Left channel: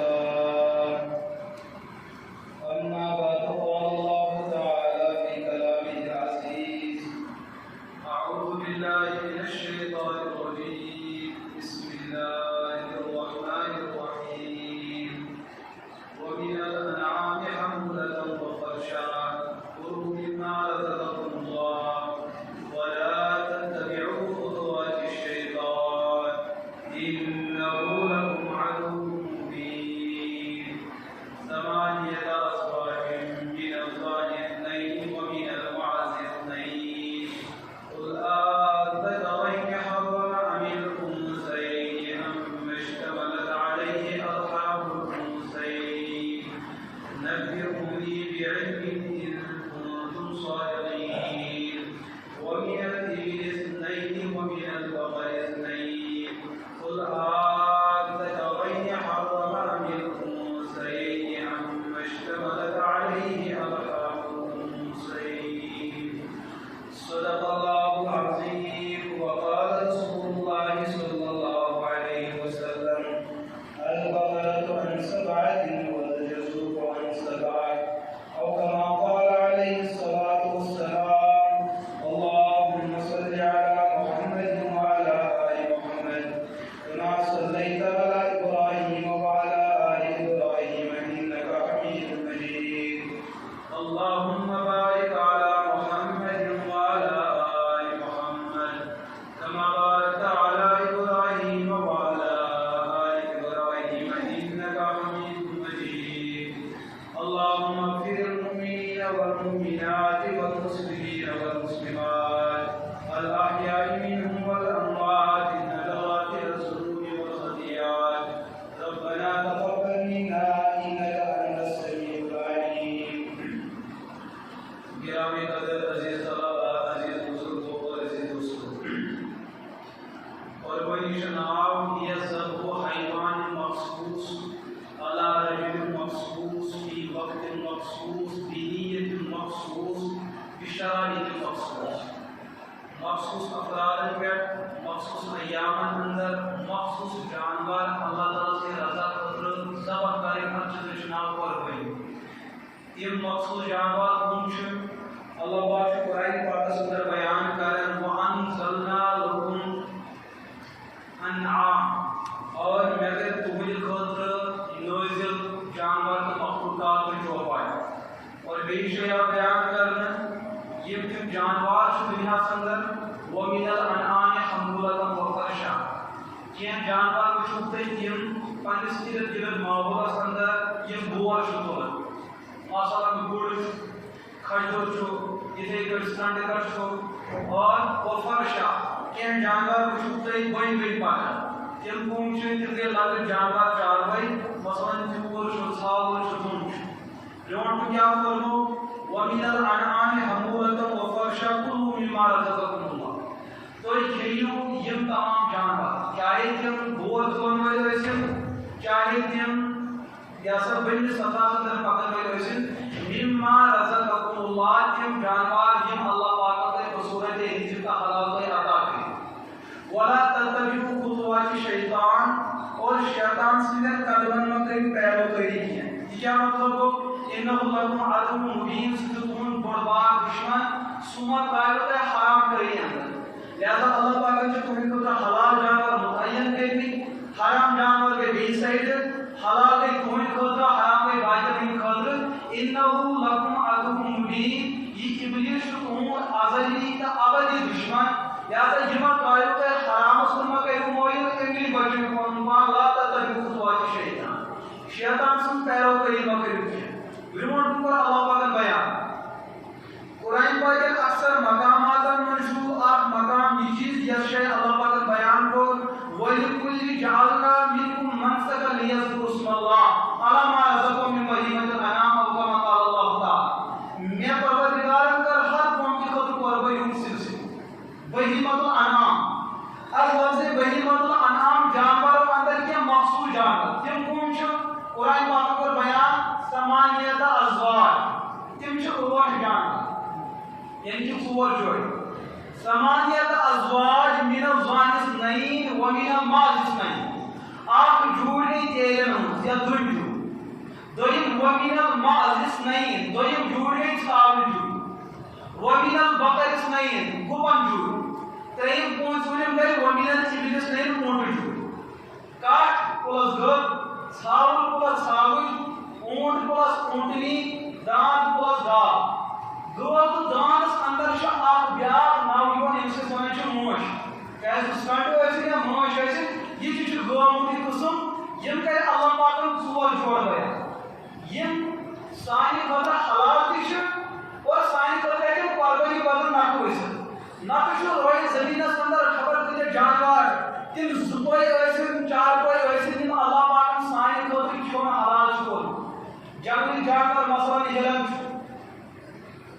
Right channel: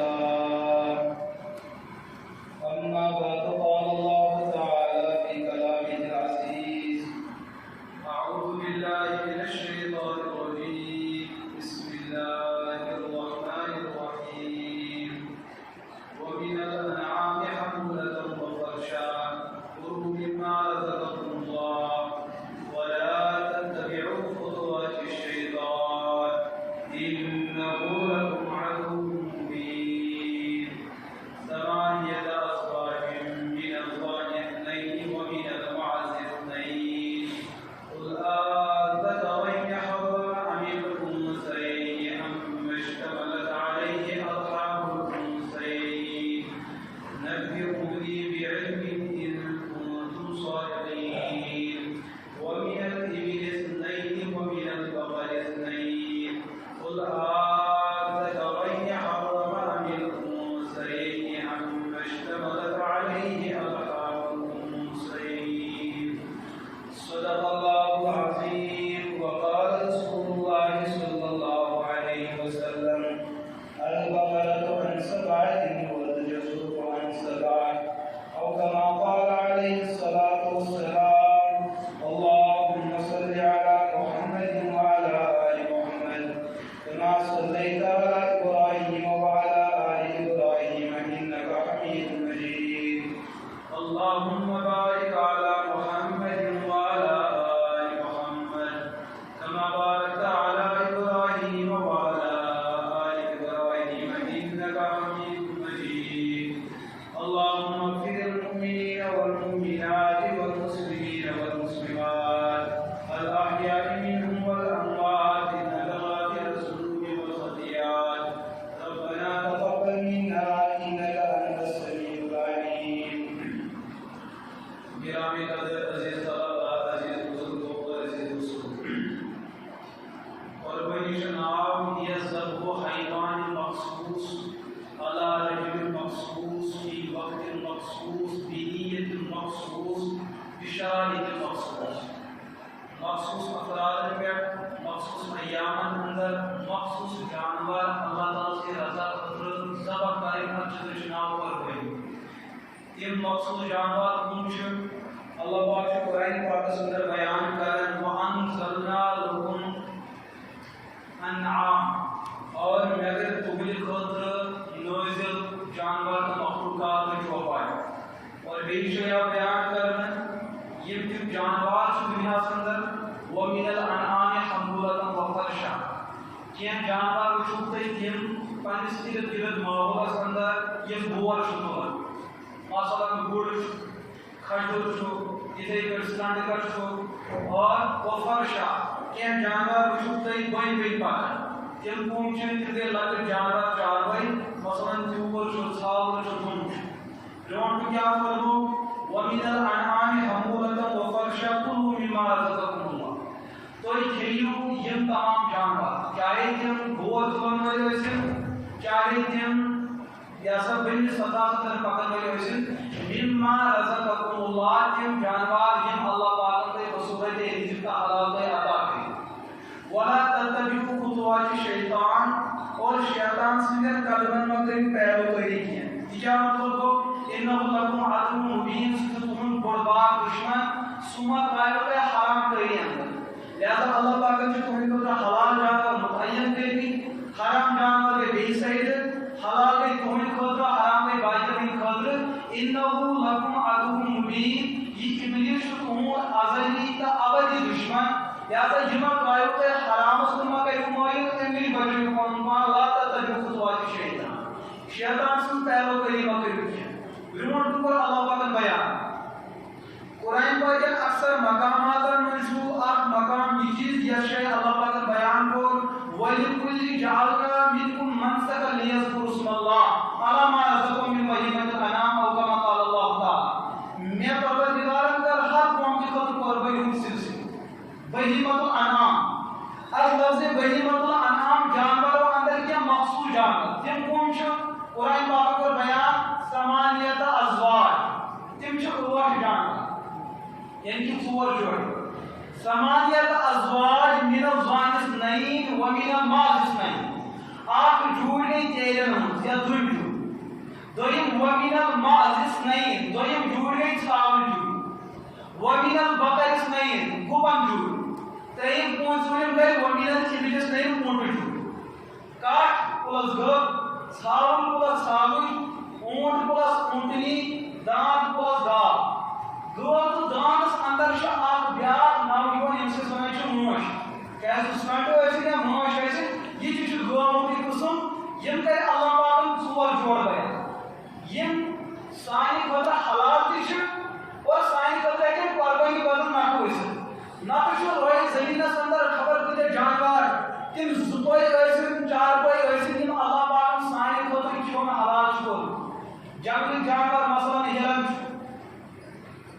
والسلام. أما بعد قال الله تعالى في كلامه العزيز: أعوذ بالله من الشيطان الرجيم. بسم الله الرحمن الرحيم. ومن الأنعام حمولة وفرشا كلوا مما رزقكم الله ولا تتبعوا خطوات الشيطان إنه لكم عدو مبين. ثمانية أزواج من الضأن اثنين ومن المعز اثنين قل أذكرين حرم أم الأنثيين أما اشتملت عليه أرحام الأنثيين نبئوني بعلم إن كنتم صادقين. ومن الإبل اثنين ومن البقر اثنين قل أذكرين حرم أم الأنثيين أما اشتملت عليه أرحام الأنثيين. صدق الله العظيم. وقال رسول الله صلى الله عليه وسلم: البقرة عن سبعة والجزور عن سبعة، أو كما قال عليه الصلاة والسلام. اللهم صل على محمد وعلى آل محمد كما صليت على إبراهيم وعلى آل إبراهيم إنك حميد مجيد. اللهم بارك على محمد وعلى آل محمد كما باركت على إبراهيم وعلى آل إبراهيم إنك حميد مجيد. اللهم اغفر المؤمنين والمؤمنات والمسلمين والمسلمات الأحياء منهم والأموات إنك غافر الذنوب والخطيئات. ربنا تقبل منا إنك أنت السميع العليم. گرامی قدر عزیز طلباء، عزیز بزرگوں اور عزیز دوستوں، قربانی شناب یہ ذبح حیوان مخصوص على رجل مخصوص في وقت مخصوص بنية مخصوص بشرائط مخصوص مخصوص افراد پر مخصوص ایام اندر مخصوص جانور اللہ تعالیٰ سے رضا قدرت ذبح کریں چناؤ پر ہوئی. یہ مخصوص جانور کون چھ اللہ پاک قرآن پاک اندر بیان کریں: وَأَنزَلْنَا لَكُمْ أَنْعَامًا، اور مگر تمہاری خاطر نازل جانور کے مخلوقات میں جو پایا. اور بیشیا بیان کرنا یہ تم جانور چھ دنیا اندر وَمِنَ الْأَنْعَامِ حَمُولَةً وَفَرْشًا، کین جانور چھوٹے تم پنس ارد گرد ماحول اندر یہ بور چھوڑ مثلا گڑ کھجور چھو اتھے پٲٹھۍ سرنڈکر چھو اور وفرشا کین جانور چھوٹے بٔڑۍ بٔڑۍ پکان تم کم چھ تم گٔے لۄکٕٹۍ جانور چاروٲے مثلا تیوٗر چھُ ژھاوُل چھُ دُن چھُ. برونٛٹھ کیٛاہ ووٚنمو وَمِنَ الْأَنْعَامِ حَمُولَةً وَفَرْشًا كُلُوا مِمَّا رَزَقَكُمُ اللَّهُ، تُہۍ کھیٚیِو یِم تمام جانور چاہے تم بور تُلن وٲلۍ ٲسِن چاہے تم یہ سب بڑی سزا سے در پکڑ میں ہوئے مما رزقکم اللہ، تم جانوار یم اللہ پاک نے بصورت رزق کا حلال سے عطا کی. ولا تتبعوا خطوات الشیطان، اور شیطان سے قدمن مت پیروکاری کی. کیا مطلب ہو انہ لکم عدو مبین، تم بڑبار دشمن سما قائلت حرام کری اندر. لہذا اللہ پاک نے تمہیں کو حلال جانور متعین کری، حرام جانور کے بے سائد حلال کے تمہیں خاطر حرام کے باقی خاطر انہ لکم عدو مبین، یہ ابلیس تمہوں ازلی کا ابدی دشمن. لہذا یہ قائلت حرام سما کے مویل انگلی بچے کو لا تتبعوا خطوات الشیطان، شیطان سے پیروکاری مت کرو. برونٹ پر اللہ پاک بیان قرآن پاک اکثر مقامات منشور اخ مقام یہ چیز یہ شے اللہ پاک بیان کو وَلِكُلِّ جَعَلْنَا مِنْكُمْ مَنْسَكًا لِيَذْكُرُوا اسْمَ اللَّهِ عَلَى مَا رَزَقَهُم مِّن بَهِيمَةِ الْأَنْعَامِ أَوْ كَمَا قَالَ اللَّهُ تَعَالَى. میں پروردگارم کر ہر قوم کی خود قربانی ہوں سلسلے بہیمۃ الانعام. الفاظ بہیمۃ الانعام جانوروں اندر کیا مخصوص جانور تم کون چھ قرآن پاک پر بیان ثمانیۃ ازواج تم چھ 8 جانور یعنی کہ 4 جوڑے. ثمانیۃ ازواج من الضأن اثنین ومن المعز اثنین. اخ جوڑ گئی تیرن ہز یا دن جوڑ دویم ومن المعز اثنین دویم جوڑ گئی ثاون جوڑ ومن البقر اثنین گپن جوڑ تریم پونچونم گئی ومن الابل اثنین اونٹ جوڑ کاٹ پلس گب ثاون پلس ثاون اونٹ پلس اونٹنی دان پلس گاو گو تو دانس اندر چھ اخ بیاکھ ناو یوان ییٚمِس أسۍ وَنان چھِ موش کیازِ سُہ کنٹو ٲسِن یا موش ٲسِن یہِ تہِ چھُ گٲمُت قٕسم یِم کرِ اللہ پاکن ژور جوڑ بیان یم سانہِ خٲطرٕ حلال تہِ چھِ اور سانہِ خٲطرٕ ہیٚکن قۄربٲنی بدل نفع ٲسِتھ نتہٕ چھُ روزِ زٔمیٖنس اندر خبر کۭتیاہ جانوار تِم زٕ پٔے ٲسِن چار پٔے ٲسِن یِم اللہ پاکن سانہِ خٲطرٕ کھیوٚن حلال چھُ کوٚرمُت جنگلی جانور مثلاً ہِرن چھُ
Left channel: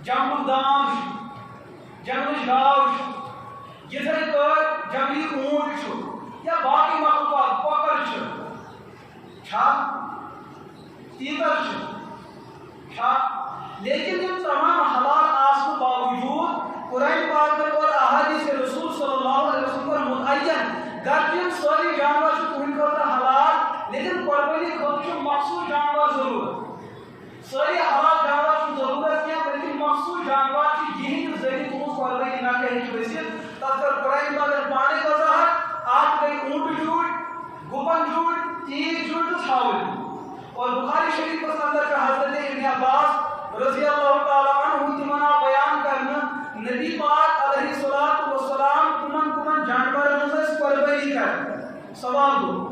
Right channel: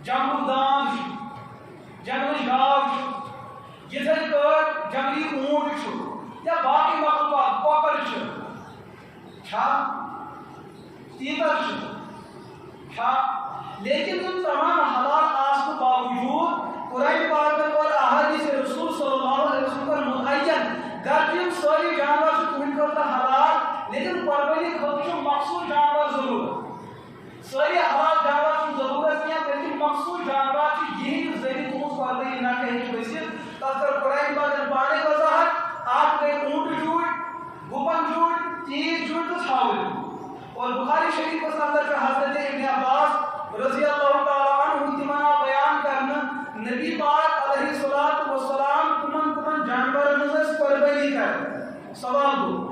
جنگلُک داند چھُ جنگلٕچ گاو چھُ یِتھے پٲٹھۍ جنگلی اونٹ چھُ یا باقٕے مخلوقات کۄکر چھِ چھا تیتر چھا لیکن یم تمام حلال آسنہٕ باوجود قرآن پاکن اور احادیث رسول صلی اللہ علیہ وسلم پر متعین گرچہ یم سٲری جانور چھِ تُہنٛدِ خٲطرٕ حلال لیکن قۄربٲنی خٲطرٕ چھُ مخصوٗص جانور ضروٗرت سٲری حلال جانور چھُنہٕ ضروٗرت کینٛہہ بلکہِ مخصوٗص جانور چھِ یِہنٛدِ ذٔریعہٕ تُہنٛز قۄربٲنی نقل ہیٚکہِ گٔژھِتھ تتھ کٔر قرآن پاکن پانے وضاحت اکھ گٔے اونٹ جوٗڑ گُپن جوٗڑ تیٖر جوٗڑ تہٕ ژھاوٕلۍ اور بخاری شریف کے اندر کا حضرت ابن عباس رضی اللہ تعالیٰ عنہ تمنا بیان کرنا نبی پاک علیہ الصلوۃ والسلام کمن جانورن منٛز قۄربٲنی کر سوال گوٚو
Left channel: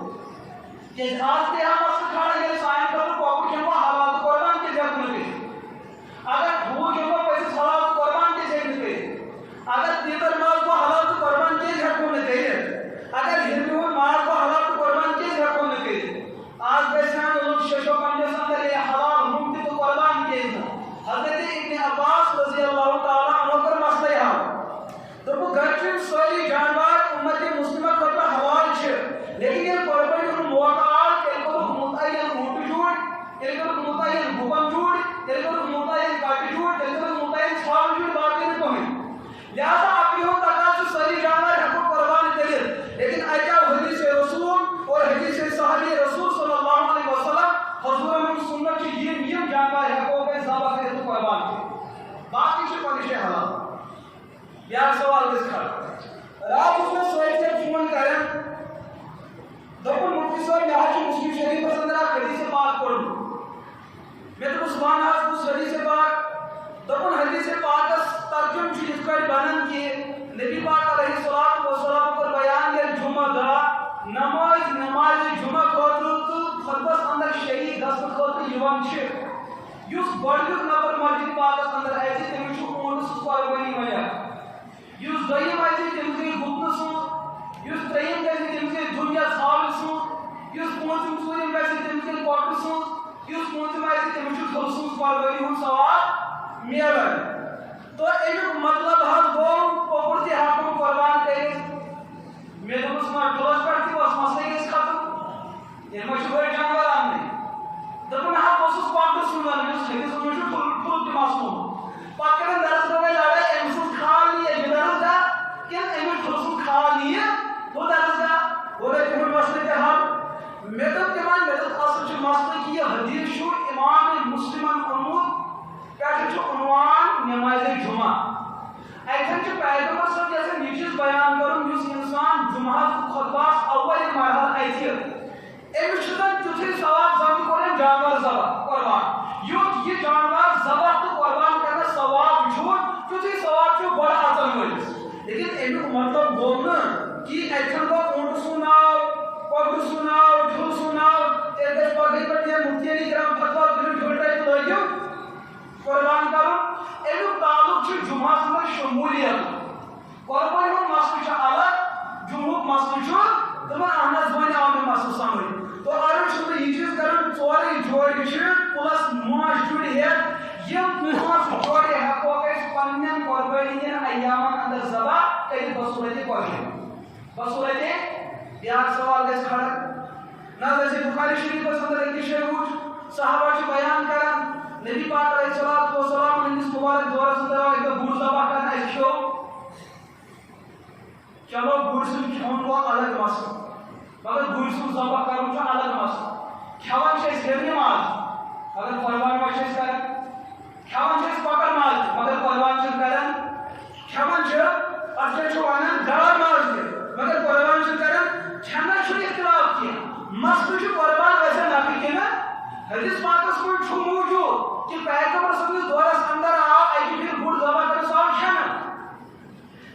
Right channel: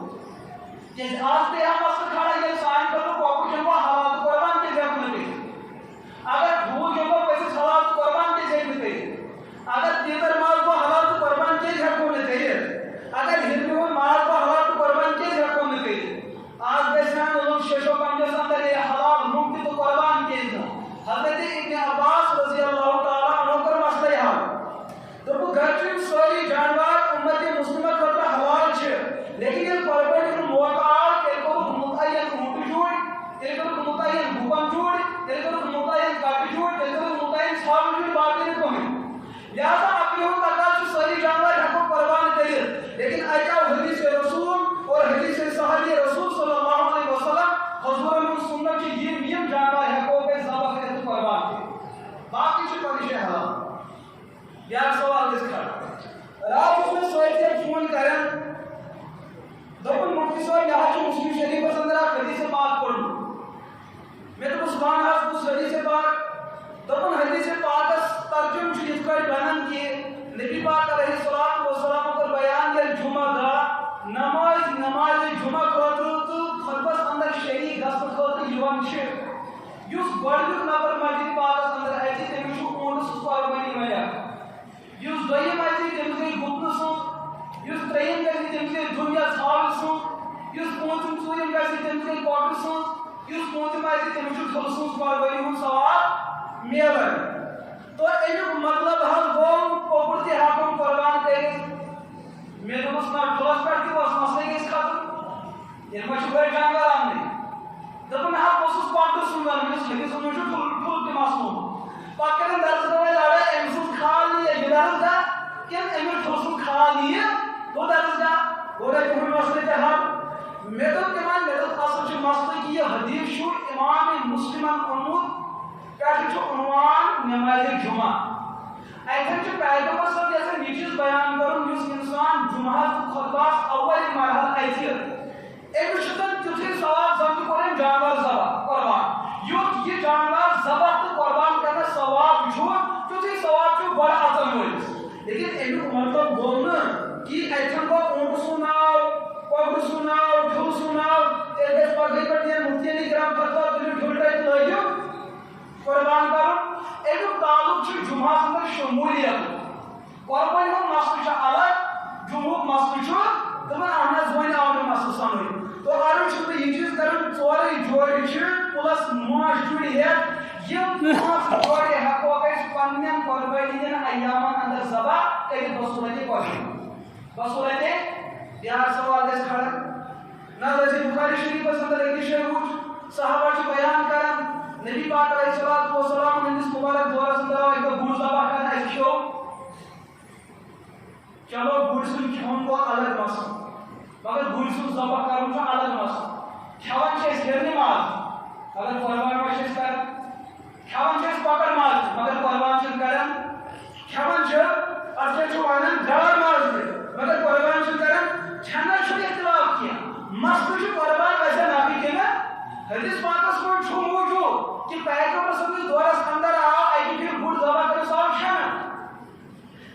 کیازِ آز تہِ ہا مسلہٕ کھڑا ییٚلہِ سانہِ خٲطرٕ کۄکُر ہٮ۪مو حلال تہٕ قۄربان کیازِ ہٮ۪کو نہٕ کٔرِتھ اگر ٹھوٗل ہٮ۪مو پٔزِس حلال تہٕ قۄربان کیازِ ہٮ۪کہِ نہٕ کٔرِتھ اگر تیٖتر ماز گوٚو حلال تہٕ قۄربان کیازِ ہٮ۪کو نہٕ کٔرِتھ اگر ہِرنہِ ہُنٛد ماز گوٚو حلال تہٕ قۄربان کیازِ ہٮ۪کو نہٕ کٔرِتھ آج گژھان لوگ شیشو پنجس اندر یہ حلال مفت تو قربان کیے نا حضرت ابن عباس رضی اللہ تعالیٰ عنہ کر مسئلہ حال تو وہ گھر کے ساری جانور امت مسلمہ خطرہ حلال چھے لیکن یہ قربان کو موقع تیل کو متعین اونٹ جوڑ تیل کو متعین گوپن جوڑ تیل کو متعین کاٹی جوڑ تیل کو متعین چھاو جوڑ باقی نے پہنچ لہذا اپنی ہم تقاض سے ساری جانور حق قربان کرے لیکن ایجا حدیث رسول اور حدیث صحابی رسول صلی اللہ علیہ وسلم حضور من سنت کی یہ نیم جانور حقوں کے ذبح کرے تو قربان کرے باقی چھ پنشے حلال بیاکھ سوال اس کھڑا رات اس میں سوئے سے فون کریں دوپن مفتی صاحب یہاں جو مسلم شریف پر اندر حدیث پاک پڑھ لوں میں تو سبحان اللہ اس حدیث پاک دوپن حدیث پاک ترجم چیز کو بیان کیے نبی پاک علیہ الصلوۃ والسلام پر بیان کیا جمعہ دا نماز جمعہ خاطر تو خطبس اندر شریک گژھنہٕ خٲطرٕ یِوان چھِ یُس گۄڈنیُک نفر مسجد پاکس اندر اَژِ تٔمِس چھُ اونٹہٕ سٕنٛز قۄربٲنی وَنان یُس دوٚیِم اَژِ تٔمِس گٔے گُپنہٕ سٕنٛز یُس ترٛیٚیِم گژھِ تٔمِس گٔے دُن یا ژھاوٕلۍ سٕنٛز یُس پوٗنٛژِم ژوٗرِم گژھِ تٔمِس گٔے کۄکرٕ سٕنٛز یُس پوٗنٛژِم اَژِ تٔمِس چھُ ٹھُلہٕ سٕنٛز قۄربٲنی ہُنٛد ثواب میلان تو امیُک مطلب حظ گوٚو کۄکُر تہِ ہٮ۪کون قۄربان کٔرِتھ مےٚ دوٚپُس نہ ٹھُلس پٮ۪ٹھ تہِ اوس مسلہٕ گژھِ ختم ییٚلہِ ما چھُ بٔڑۍ جانور اَننٕے دوٚپُن نہ حظ بہٕ اوسُس کۄکرٕ سُنٛد وَنان یُس ہیٚکہِ سُہ چھُ ٹھُل تہِ مسلہٕ پتہٕ کٔرٕن درس گاہ لڑٲے أمۍ سُنٛد کھال نِیہِ یہِ درس گاہ کِنہٕ أمِس ٹھُلہٕ سُنٛد کھال نِیہِ ہُہ درس گاہ اور تِہُنٛد مسلہٕ تہِ حل مےٚ دوٚپ تِمن مےٚ دوٚپ اصل چھُ مسلہٕ کہِ یہِ حدیث چھُ امام مسلمن اوٚنمُت پٮ۪ٹھٕ چھُ عنوان نمازِ جمعہ اتھن چھُ پیغمبر صٲب یژھان یہِ چیٖز بیان کرُن یُس انسان جمعہس خطبس اول مرحلہ اَژِ أمِس چھُ زن تیُتھُے ثواب زن تہِ کوٚر أمۍ جانور ذبح قۄربان یُتھ یہِ جانور ذبح تہٕ قۄربان کرنس ثواب چھُ تیُتھُے ثواب چھُ گۄڈٕ اژن وٲلِس لیکن امیُک مطلب گوٚو نہٕ کہِ اتھن گوٚو اونٹہٕ سُنٛد ناو کۄکرٕ سُنٛد ناو ٹھُلہٕ سُنٛد ناو تیٚلہِ گژھِ پگہٕکۍ پٮ۪ٹھ یا مفتی علی کرام فتوا تُلِو ٹھُل ٹَتہِ لٲگِو قۄربان کرُن امیُک تعلق چھُ جمعہس اندر شموٗلیت قۄربٲنی ہُنٛد مسلہٕ چھُ الگ جمعُک مسلہٕ چھُ دَپان اہن حظ وۄنۍ آو مےٚ مسلہٕ سمجھ تو عرض چھُس بہٕ یہِ چیٖز کران ژورے جورِ چھِ پٕلس موش جُرِ ہٮ۪تھ یِم پانٛژھ جورِ ہٮ۪کو أسۍ پننٮ۪ن قۄربٲنی ہٕنٛدٮ۪ن ایامن اندر ذبح کٔرِتھ بصوٗرتِ قۄربان بصوٗرتِ بیاکھ سوال گژھِ کھڑا نہ حظ اَسہِ بخاری شریفس اندر أکِس جایہِ وٕچھ صحابہ چھِ بیان کران نبی پاک علیہ الصلوۃ والسلام ہٕنٛدِس مُبارک دورس اندر آو اَکہِ دۄہ گُر ذبح کرنہٕ اَسہِ کھیوٚو چلو گُرۍ سُنٛد کھیوٚن گوٚو الگ مسلہٕ مگر گُرۍ سُنٛد ذبح کرُن چھُ الگ مسلہٕ کھٮ۪وان چھِ أسۍ ہیٚرنہِ ماز اگر قۄربان ما چھِ أسۍ کران کھٮ۪وان چھِ أسۍ کۄکر ماز تہِ مگر قۄربان چھِنہٕ کران کھٮ۪وان چھِ اَتھ کیٛاہ چھُ وَنان گاڈ ماز تہِ مگر قۄربان چھِنہٕ کران کھٮ۪نس چھُنہٕ اختلاف کینٛہہ مسلہٕ چھُ قۄربان گژھن نفی کِنہٕ حدیث پاکس منٛز چھُ موٗجوٗد کہ پیغمبر سٕنٛدِس دورس اندر آو اکہِ پھِرِ گُر ذبح کٔرِتھ آو کھٮ۪نہٕ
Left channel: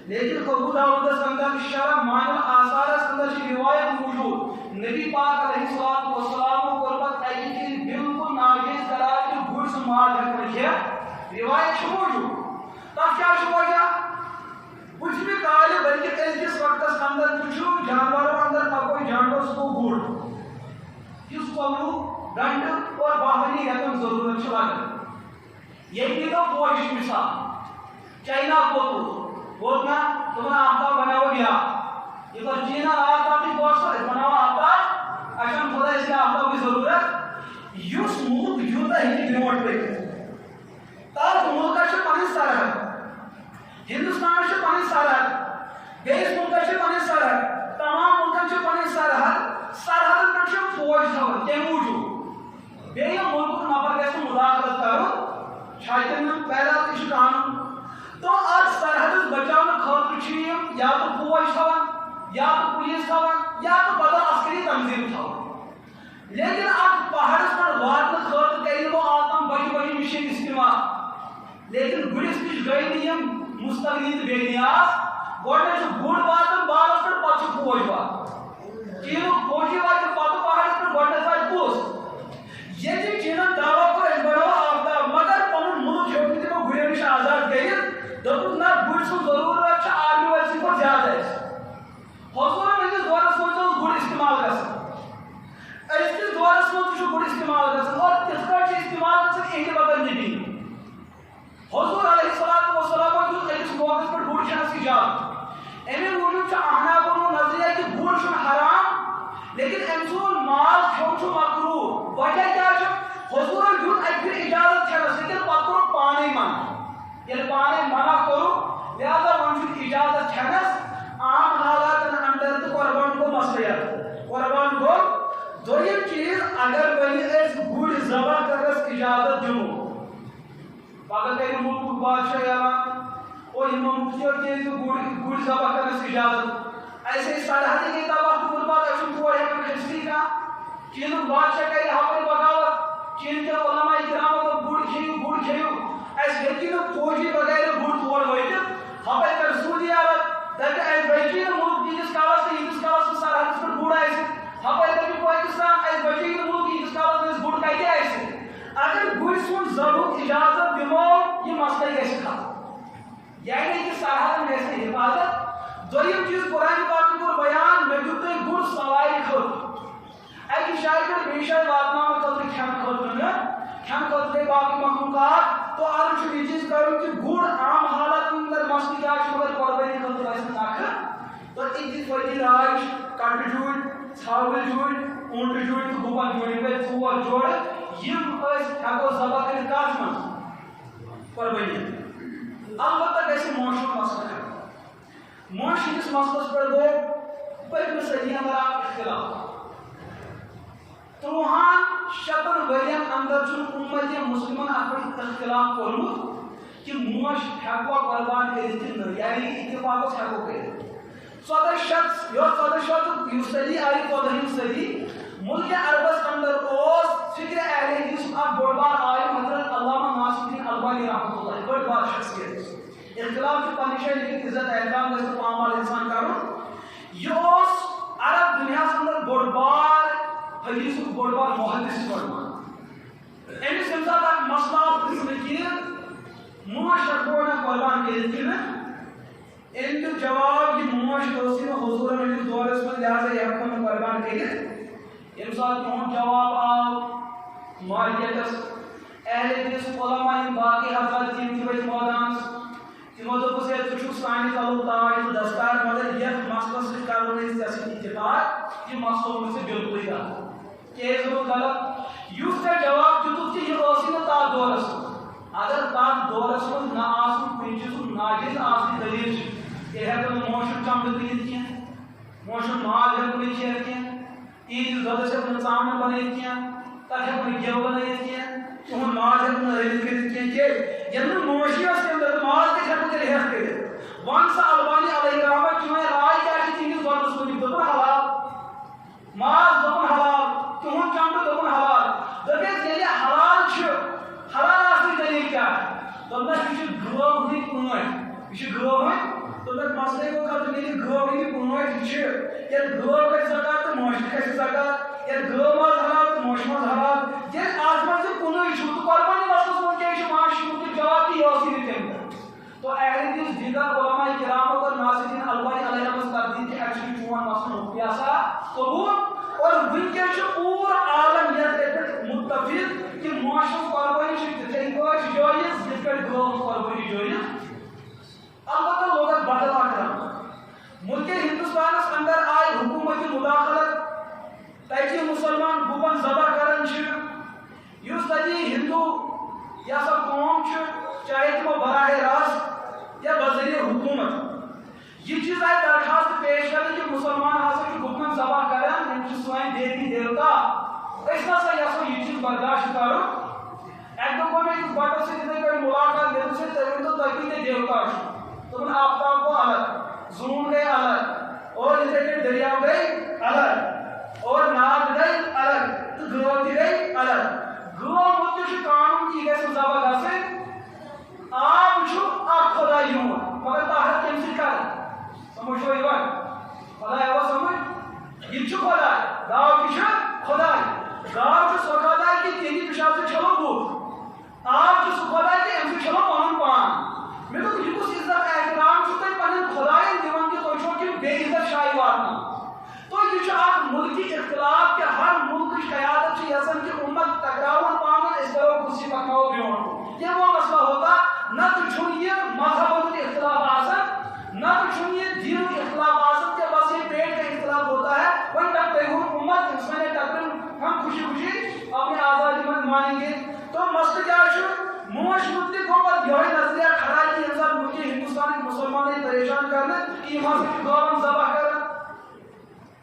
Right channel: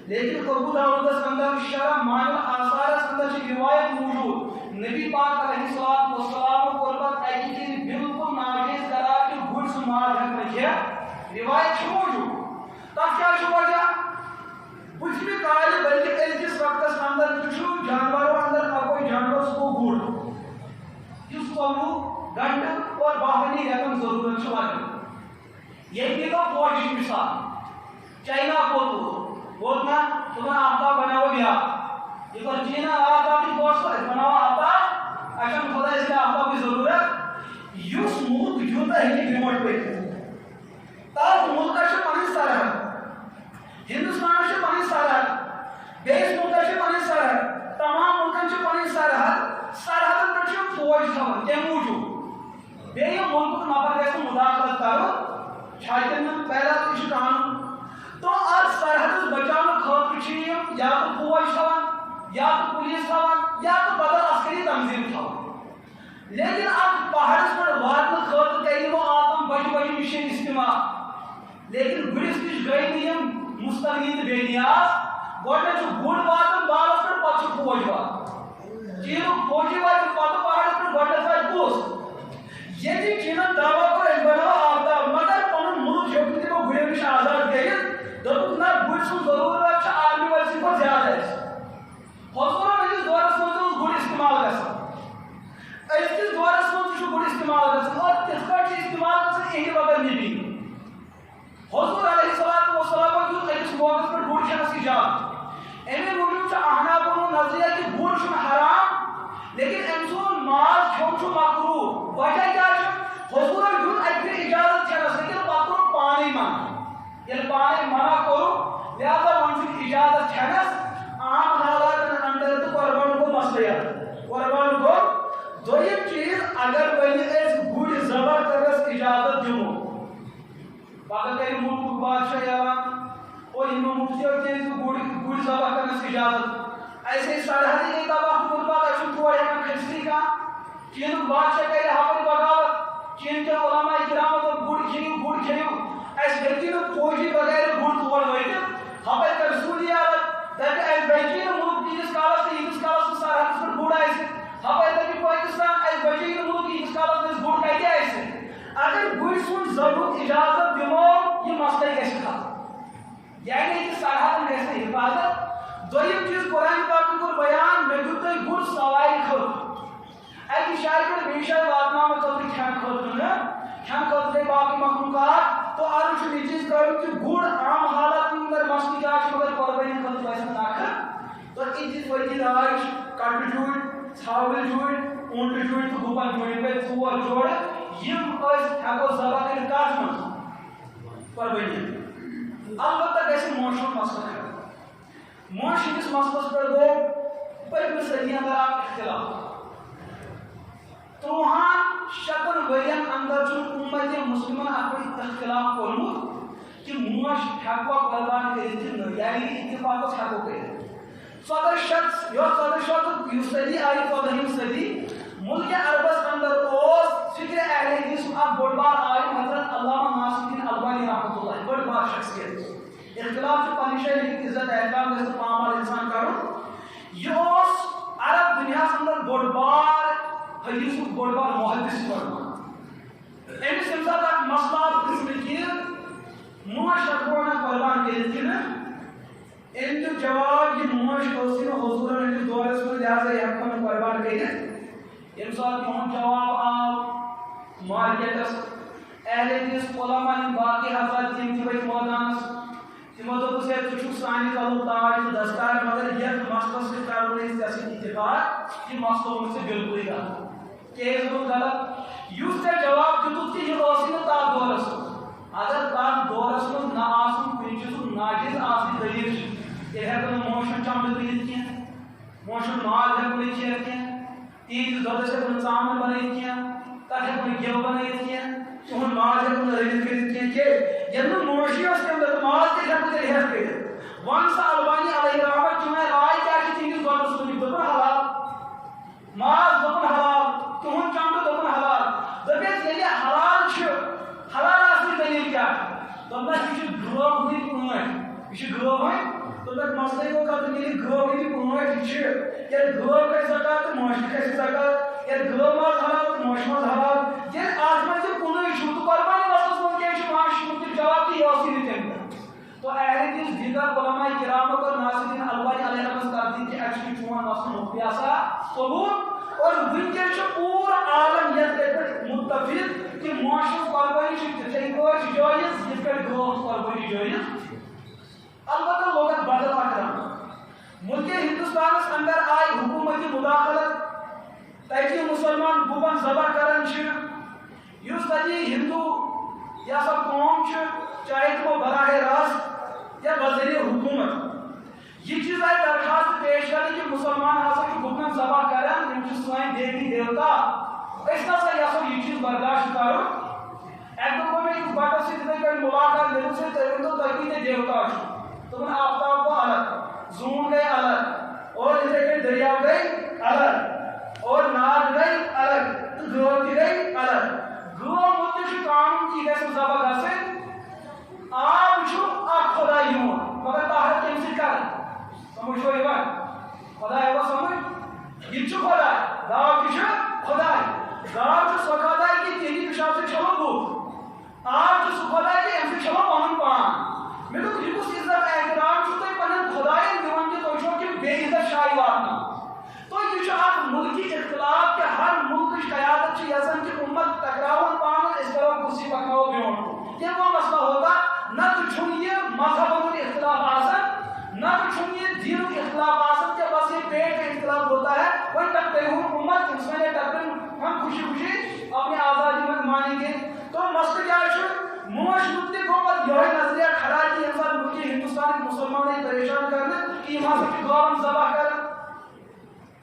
لیکن ابو داؤدس اندر شرح مان الاثارس اندر چھ روایت موجود نبی پاک علیہ الصلوۃ والسلام کو پتہ ہے کہ بالکل ناجائز قرار کہ گڑ سے ماز ہیکن کھیت روایت چھ موجود تب کیا چھ وجہ بجھ کال بلکہ اس وقت اندر چھ جانوروں اندر کوئی جانور کو گڑ اس کو گنڈ اور باہنی رقم ضرورت چھ لگن یہ تو فوج مثال چائنا کو بولنا تمہیں آفتاب بناو گیا یہ تو چینا آفتاب کی بہت بناو آفتاب اچھا خدا اس کے آفتاب کی ضرورت یوس ملک یوتا ہی بیموٹ پہ تاک ملکہ سے پانی سرحد ہندوستان سے پانی سرحد بیس ملکہ سے پانی سرحد تمام ملکہ سے پانی سرحد سرحد پر سے فوج تھا کیا موجود بے یہ ملک نفر کیسے مداخلت کرو چھاٹن میں پہلا اس قانون تو آج سرحد بچاؤ خاطر چھ یا تو فوج تھاون یا تو پولیس تھاون یا تو بدل عسکری تنظیم تھاون لیکن اب پہاڑس پر واتن خاطر کریں وہ آتم بڑی مشین استعمال لیکن گڑس نش گئی نیم مستغنی تو بے نیاز گوڑنے چھ گڑ واتن بالس پر پتہ چھ فوج واتن چینک فوجی واتن پتہ پہاڑس پر گوڑنس وات پوس یہ چینن دعویٰ پر اس بناو آفتاب مگر پنن ملک ہیوک تمو گڑیو نش آزاد کٔرِتھ دوٚپُکھ نہ گُرۍ سُنٛد ضروٗرت چھِ آرمی وٲلۍ سٕنٛدِ کھۄتہٕ زیادٕ اَسہِ حضوٗرن أزِس دورس منٛز اوس گُر استعمال گژھان أزکِس دورس منٛز تہِ چھُ گُر استعمال گژھان اور تِتھ کٲٹھۍ چھِ استعمال گژھان اِہنٛدِ بغٲر نبی حضوٗر علیہ الصلوۃ والسلام دیُت أکِس موقعس پٮ۪ٹھ گُر کھٮ۪نس اِجازت اَمے موٗجوٗب چھُ احنافن ہُنٛد نظریہ کہِ گُر چھُنہٕ حرام لیکن أمۍ سُنٛد ماز کھیوٚن چھُ مکروٗہ وجہ کیٛاہ چھُ حضوٗرن دیُت اَکہِ پھِرِ اِجازت کھٮ۪نس لیکن پتہٕ کوٚر پانے منع ییٚلہِ پانے منع کوٚرُکھ لہذا وۄنۍ چھُکھ اجازت کھٮ۪نس عام حالاتن اندر تہٕ قۄربان گوٚو مسلہٕ قۄربان گوٚو دوٚیِم چیٖز اگر وۄنۍ أسۍ گُرۍ ذبح کرنس اجازت دِمو پگہہ کرِ مُلکُک بادشاہ اعلان اور یِمو مُفتِیو دِژ گُرۍ ذبح کرنس اجازت ایسے سرحدی گٔے تباہ تہٕ برباد اَسہِ چھُنہٕ تور ہٮ۪کان کھٔسۍتھٕے کانٛہہ چیٖنُک بادشاہ کرِ ہپٲرۍ بغاوت چیٖن کٮ۪ن علماء اِکرامو دوٚپ گُر کھیٚیِو اَسہِ ہیٚکہِ نہٕ فوجی بغیر گُر تور وٲتِتھ ہپٲرۍ کر سعوٗدی عرب دپہِ اَسہِ بچی نہٕ مُلک تیٖتِس کالس تہٕ ییٖتِس کالس نہٕ سرحدس پٮ۪ٹھ گُر آسہِ ہپٲرۍ دپہِ پٲکستان اَسہِ بچی نہٕ مُلک ییٖتِس کالس نہٕ اَسہِ گُر کتہِ آسہِ اگر گُرۍ سُنٛد ذبحُک اجازت دِمو یہِ مسلہٕ گژھِ ختم یعنی کہ سرحدن گژھِ نہٕ حفاظت دوٚیِم چیٖز قرآن پاکن کوٚر بیان مےٚ دیُت تۄہہِ گُر سوارِ خٲطرٕ اَکہِ جایہِ پٮ۪ٹھ بیٚیہِ جایہِ واتناونہٕ خٲطرٕ کھٮ۪نہٕ خٲطرٕ نہٕ کھٮ۪نہٕ خٲطرٕ گٔے باقٕے مخلوٗقات تو عرض چھُ یہِ چیٖز کَرُن کہِ گُر عام حالاتن اندر مسلہٕ کیٛاہ چھُ مگر قۄربٲنی خٲطرٕ گژھِ نہٕ نکھٕ تو اِتہِ فٲیدٕ راے چھِ کٹہٕ جوٗرۍ ژھاوٕلۍ جوٗرۍ اوٗنٛٹہٕ جوٗرۍ تہٕ گُپن جوٗرۍ یِم گٔے ژور جوڑٕ یِم أسۍ ہٮ۪کو ذبح کٔرِتھ کتھ منٛز قۄربٲنی البتہ گژھِ موشُن مسلہٕ کھڑا موش ہٕنٛدِس مسلس پٮ۪ٹھ گوٚو پٔتمہِ صدی اندر اکھ اختلاف 300 ؤرین اندر چھُ اُمت مُسلمن اتھ پٮ۪ٹھ اختلاف کوٚرمُت کہ موش ہٮ۪کوا قۄربان کٔرِتھ کِنہٕ نہٕ یعنی اتفاق اوس ہٮ۪کو کٔرِتھ 1400 صدی آیہِ 14ہِم صدی ملک عربس اندر اوس فکر اہل حدیث اکھ بوٚڑ بار عالم حضرت علامہ ناصر الدین البانی رحمۃ اللہ بٔڑ بار شخصیت اختلاف چھُ پننہِ جایہِ لیکن عزت احترام گژھِ نہٕ پامال انسان کرُن یہِ اوس عرب دُنیاہس اندر بوٚڑ بار حدیثُک بوٚڑ بار محدث وَنان أمِس ییٚمہِ ساتہٕ اکھ مسلہٕ آو پرژھنہٕ کہِ موش ہٮ۪کو نہ قۄربان کٔرِتھ کِنہٕ أمۍ دیُت جواب یہِ موش ٲسٕے نہٕ حضوٗرن ہٕنٛدِس دورس منٛز لہذا یہِ ہٮ۪کو نہٕ قۄربان کٔرِتھ ییٚمہِ ساتہٕ یِہُنٛد جواب آو مارکیٹس اہل حدیث علماء یِم باقٕے حضرات تِم تہِ ؤتھۍ مٲدانس تِمو دوٚپُس ہے ژٕ چھُکھ سانہِ کلُک تاج تہٕ دستار مگر یتھ مسلس سۭتۍ کرو نہٕ أسۍ ژےٚ سۭتۍ اتفاق یہِ مسلہٕ اوٚن ژےٚ بِلکُلٕے غلط کیٛازِ اوٚنُتھ غلط یُس ژےٚ جواب دِتُتھ کہِ یہِ ٲسٕے نہٕ تتھ دورس منٛز اگر تتھ دورس منٛز نہ آسُن کُنہِ چیٖزُک ناجٲیز آسنٕچ دٔلیٖل چھِ تیٚلہِ ہٮ۪کو نہٕ موشُن چمڑٕ کٕنِتھ کینٛہہ موشُن ماز ہٮ۪کو نہٕ کھٮ۪تھ کینٛہہ عیز دۄدس ہٮ۪کو نہٕ ژامن بنٲیِتھ کینٛہہ تتھ ہٮ۪کو نہٕ گٮ۪و بنٲیِتھ کینٛہہ تُہُنٛد ماز ہٮ۪کو نہٕ رٔنِتھ کٔرِتھ کینٛہہ کیٛازِ ییٚلہِ نہٕ نوشی ٲس تمہِ دۄہ تہٕ ماز کتہِ ہٮ۪کو تیٚلہِ ہٮ۪تھ کٔرِتھ وۄنۍ سا البانی علیہ رحمت چٲنۍ راے کیٛاہ چھِ تِہنٛدِس دۄدس مُتعلِق دوٚپُن حلال ماز دوٚپُن حلال تُہُنٛد چمڑٕ دوٚپُن حلال دٔپِتھ ییٚلہِ حلال چھُ حلال آسنٕچ دٔلیٖل کیٛاہ دوٚپنَس یہِ چھُ گٲو ہٕنٛدۍ پٲٹھۍ یہِ چھُ گٲو ہٕنٛدۍ دوٚپنَس مسلے گوٚو کتھ ییٚلہِ گٲو ہٕنٛدۍ پٲٹھۍ چھِ ییٚلہِ گٲو کھسہِ زکات تہٕ مٲشہِ کھسہِ زکات ییٚلہِ گٲو ماز حلال تہٕ مٲشہِ ماز حلال ییٚلہِ اتھ منٛز یہِ کُنُے چھُ تہٕ قۄربانی مسلس منٛز کیٛازِ چھُ ماز شُر جواب تہِ یہِ اوسٕے نہٕ تمہِ دۄہ تو اہل حدیث دیگر علماء کراموں اور ناصرین البانی علیہ رحمۃ تردید کہ ایکچولی چون مسئلہ مقیاسا قبول اور ونکس پور عالم یت متفق کہ معاشر قربانی تھے پٲٹھۍ جٲیز یِتھ کٔٹھۍ گٲو قربانی جٲیز البتہ لوگن بدل اکھ رنگ ملک ہندوستانس اندر آئی حکومتی مداخلت تتہِ مسلمان گُپن ذبح کران چھِ یُس تتہِ ہندو یا سا قوم چھِ چاہے تمو براہ راست یا بذریعہ حکومت یہ چیز آئی درخواست پیش کرنے کہ مسلمان ہسا گپن ذبح کران یم سن دیوی دیوتا اس نسا یسو یہ چیز برداشت کرو ایک دو میں اس بٹس سے اتنے کوئی ملاقات میرے سے تیرے تو تکی تے دیوتا تو من آفتاب کو الگ زون گئے الگ اور اسے کہ دریاو گئے الگ اور ناد گئے الگ تو گرو دی گئے الگ گرو مجھے قانون کی گئے ذبح گھسے آپ چھو اک خدای ہون مگر طاہر کم سے کر سمجھو ایوان خدای وہ سمجھ یہ چھو خدای گاو کی چھو خدای گاو چھو سو خدای کی تیری پیشاب سے چھلو بود آپ چھو سو خدای کی ام سے چھلو پانن پان میں تو یہ کچھ عزت احترام چھو تو پانن خدای دیوان کی تو چھو کہ بے عزت شاہی واتنا تو یہ چھو اک ملکی اختلاف کہ ہر ملک کی قیادت چھو یزن کی امت تکراون پانن اس طرح کسی پکاو بیون یہ وہ مسئلہ ہوتا نہ تو چھن یہ مذہبوں کے اختلاف آسن نہ تو چھن یہ دین کے اختلاف آسن کہ بس یہ پیٹ کا اختلاف ہوتا ہے وہی تک پیغور امت انسان تقریباً ہم خوشی خوشی اپنی آزادی میں مانیں گے تو مسئلہ کیا ہے موش مدت کو پر یہ نظریہ کھڑا ہے کہ انسان ملکی ہندوستان کے مسلمانیں پریشان کرنا کہ یہاں سے گاون ذبح کرنا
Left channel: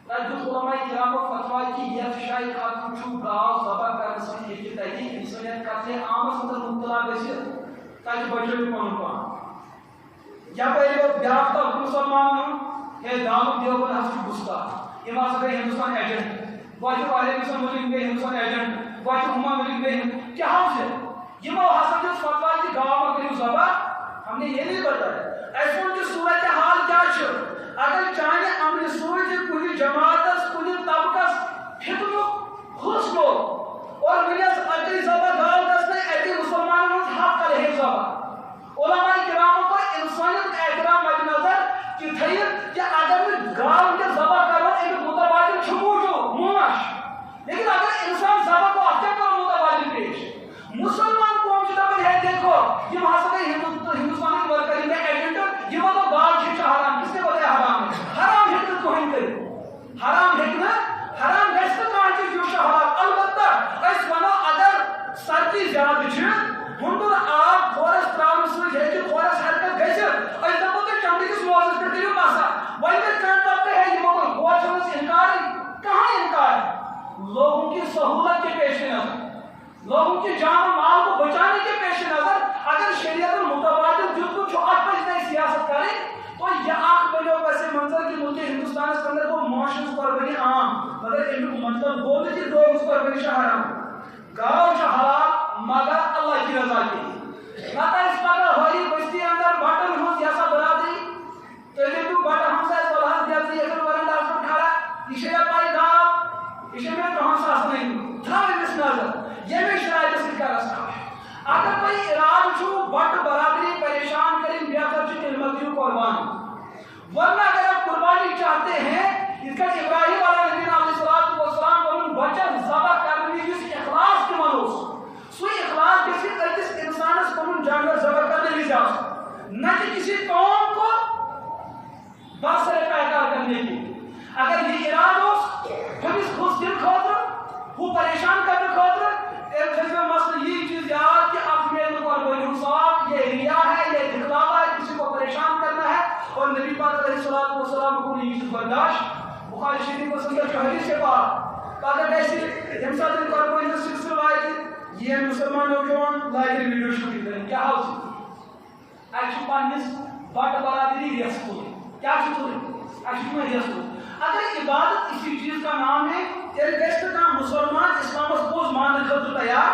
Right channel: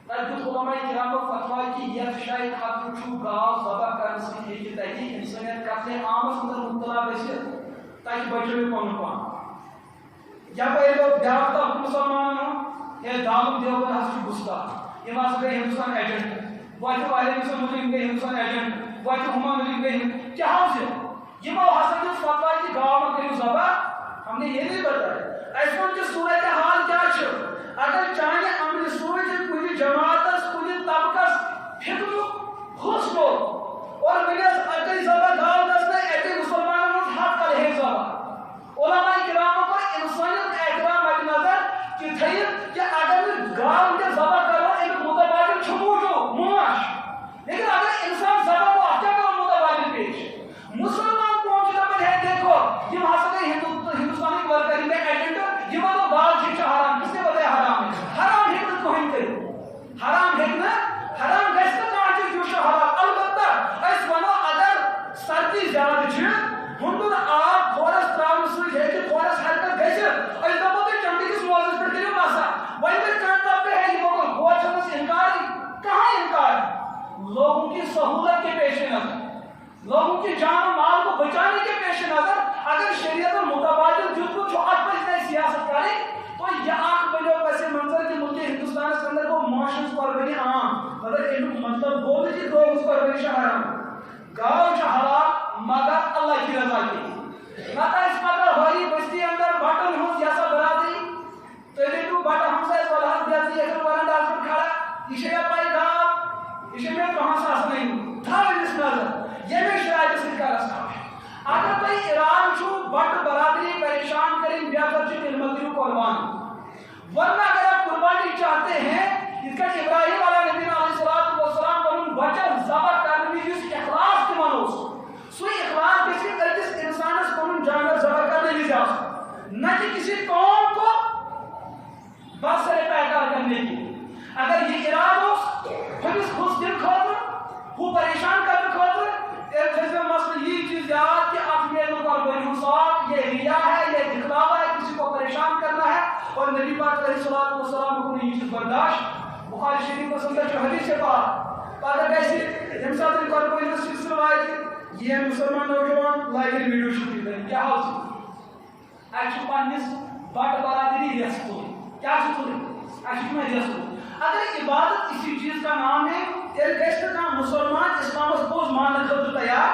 تجد علماء کرام فتوی کی یہ شاہی ختم چھو گاو ذبح کرنے سے یہ تحقیق انسانیت قتل عام اندر مبتلا گژھِتھ تاکہ بچوئی پن پان یا پہلے وہ بیاکھ طبقہ مسلمان ہے دامت دیوبند ہسا گستاخ یہ ہسا گئی ہندوستان ایجنٹ واتہ والے مسلم ملک گئی ہندوستان ایجنٹ واتہ ہما ملک گئی کیا ہم سے یہ وہ ہسا دن فتوی کی گاو میں کریو ذبح ہم نے یہ نہیں بتایا ایسا کی صورت حال کیا چھو اگر چاہے امن سوچ کن جماعت کن طبقہ فتن حسن اور ونس اکی ذبح گاو گھنے اکی مسلمانوں من حق کر ہے ذبح علماء کرام کو انسانیت احترام مد نظر کہ تھیت کہ اگر گاو کے ذبح کرو ایک متبادل چھموجو موش لیکن اگر انسان ذبح کو اچھا کرو متبادل پیش مسلمان قوم سے دبن ہے دیکھو یہ ہسا گئی ہندوستانی ورکری میں ایجنٹ یہ تو گاو شکشا حرام کس نے بتایا حرام ہے حرام ہے تو ہم کرو حرام ہے نا حرام گھس تو کہاں جو حرام البتہ اس ونو اگر سردی زیادہ چھ ہندر آب کھورس تراؤن سۭتۍ ہیٚکہِ کھورس حرکت گژھِتھ أسۍ دپو تۄہہِ چمڑی کِس موزس پٮ۪ٹھ کٔرِو مسا وۄنۍ گژھِ کانٛہہ طبقہٕ ہے یِمو کوٚر کھور چھٔمٕژ اِنکارٕے کہاں انکار لوگوں کی سہولت کے پیش نظر لوگوں کی جان و مال کو بچانے کے پیش نظر اگر شریعت المتبادل جزو چھو ات پہ اتنا سیاست کرے تو یہ آنکھ بنیو پیسے منظر کی ملک ہندوستان کے اندر وہ معاشرت قربانی عام مگر ان مطلب بولنے کی دو اس قربانی حرام گاؤ حلال مگر اللہ کی رضا کے نتا اس پتہ ہوئی بستی اندر بٹن ہوں جیسا برادری تو یہ تو بٹا ہم سے سوالات جیسے اگر ورنڈا پر کھڑا اسے پائی گاؤ اسے میں کہاں ساس نہیں تھا اس نظر یہ میں شرائط سے کا رسا ہے اگر کوئی اراد چھو بٹ برادری پریشان کریں بیادر چھو علمتیو قربان ورنہ اگر آپ قربانی چاہتے ہیں اس کا ابراہیم علیہ نبی علیہ السلام ونن بچن ذبح کرنے جس اخلاص کے منوس سوئی اخلاص کسی ارکس انسان اس ونن جانور ذبح کرنے لی جا نہ کہ کسی قوم کو برسر پیکار کرنے کی اگر یہ اراد ہو ہم اس خوش دل کھوتر وہ پریشان کرنے کھوتر ایک جیسے مسئلہ یہ چیز یاد کہ آپ میرے پر بنی حساب یہ ریا ہے یہ دکھلاوا ہے کسی کو پریشان کرنا ہے اور نبی پاک علیہ السلام کو یہ چیز برداشت بخاری شریف کو سندر جو حدیث کے بعد پگہ گژھِ ییٚمہِ ساتہٕ قۄربٲنی ہُنٛد سلسلہٕ واتہِ یِن مُسلمان نوجوان لاگن ویڈیو شوٗٹِنٛگ کرٕنۍ کیٛاہ حال چھُ اَسہِ چھُ پنٛنِس بٹہٕ برادری ریس تُلٕنۍ کیٛاہ چھُ تُلٕنۍ اَسہِ چھُ تِمن ریس تُلٕنۍ اگر عبادت اسی چیز کا نام ہے تیٚلہِ گژھِ نہٕ کانٛہہ مُسلمان اِسلامس پوٚز ماننہٕ خٲطرٕ تیار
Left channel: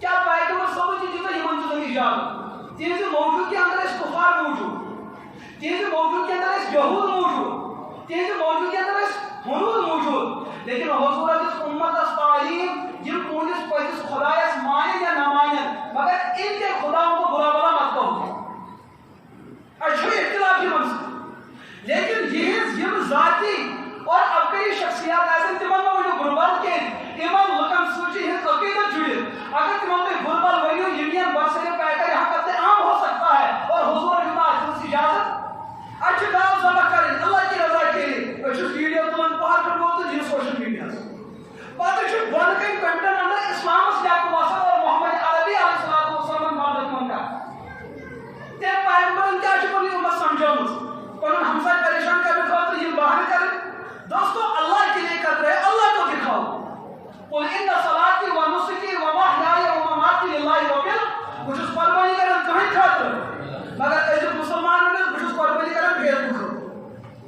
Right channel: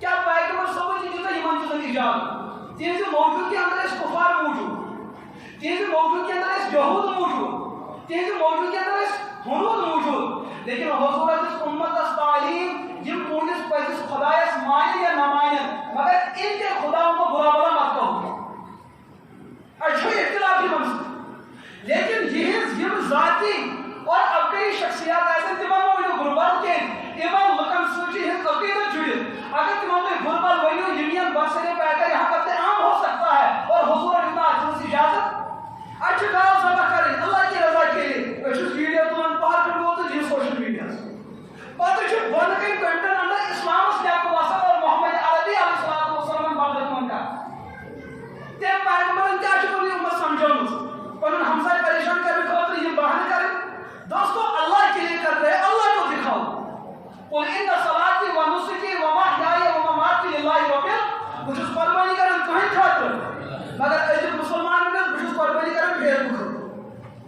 کیٛاہ پیغمبر صٲبن تہِ دِژ یِمن چیٖزن اِجازت تِہنٛزِ موجوٗدگی انٛدر ٲسۍ کُفار موٗجوٗد تِہنٛزِ موجوٗدگی انٛدر ٲسۍ یہوٗد موٗجوٗد تِہنٛزِ موجوٗدگی انٛدر ٲسۍ ہنوٗد موٗجوٗد لیکن حضوٗرن دِژ اُمتس تعلیٖم یِم تُہنٛدِس پٔزِس خۄدایس مانن یا نہ مانن مگر ان کے خداؤں کو برا بلا مت کہو اَسہِ چھُ اختلاف یِمن سۭتۍ لیکن یِہنٛز یِم ذاتی اور عقلی شخصیات آسن تمن ما ؤنِو غربت کینٛہہ یِمن لُکن سۭتۍ چھُ یِہنٛد عقیدت جُڑِتھ اگر تِمن تُہۍ غربت ؤنِو یِم یِن برسرے پیکر یہاں کرتے عام ہو سکتا ہے اور حضور دیتا اَتھ اجازت اَسہِ چھِ گاو ذبح کرٕنۍ اللہ کی رضا کے لیے أسۍ چھِ ویڈیو تُلان پہاڑ پٮ۪ٹھ ووت تہٕ سوشل میڈیاہس پتہٕ چھُ بۄنہٕ کَنہِ کنٹن انٛدر اسلامس لیٚکھٕ وسان اور محمد عربی علیہ الصلوۃ والسلام بدل کُن کران تٔمۍ پیغمبرن کیٛاہ چھِ پنٕنۍ اُمت سمجھٲومٕژ پنُن ہمساے پریشان کرنہٕ خٲطرٕ یِم بہانہٕ کرٕنۍ دوستو اللہ کے لیے کر رہے اللہ کو دکھاؤ قل ان صلاتی و نسکی و محیای و مماتی للہ رب بہٕ چھُس قربٲنی کران کٕہٕنۍ خٲطرٕ مگر أزیُک مُسلمان ونس بہٕ چھُس قربٲنی کران فیس بُک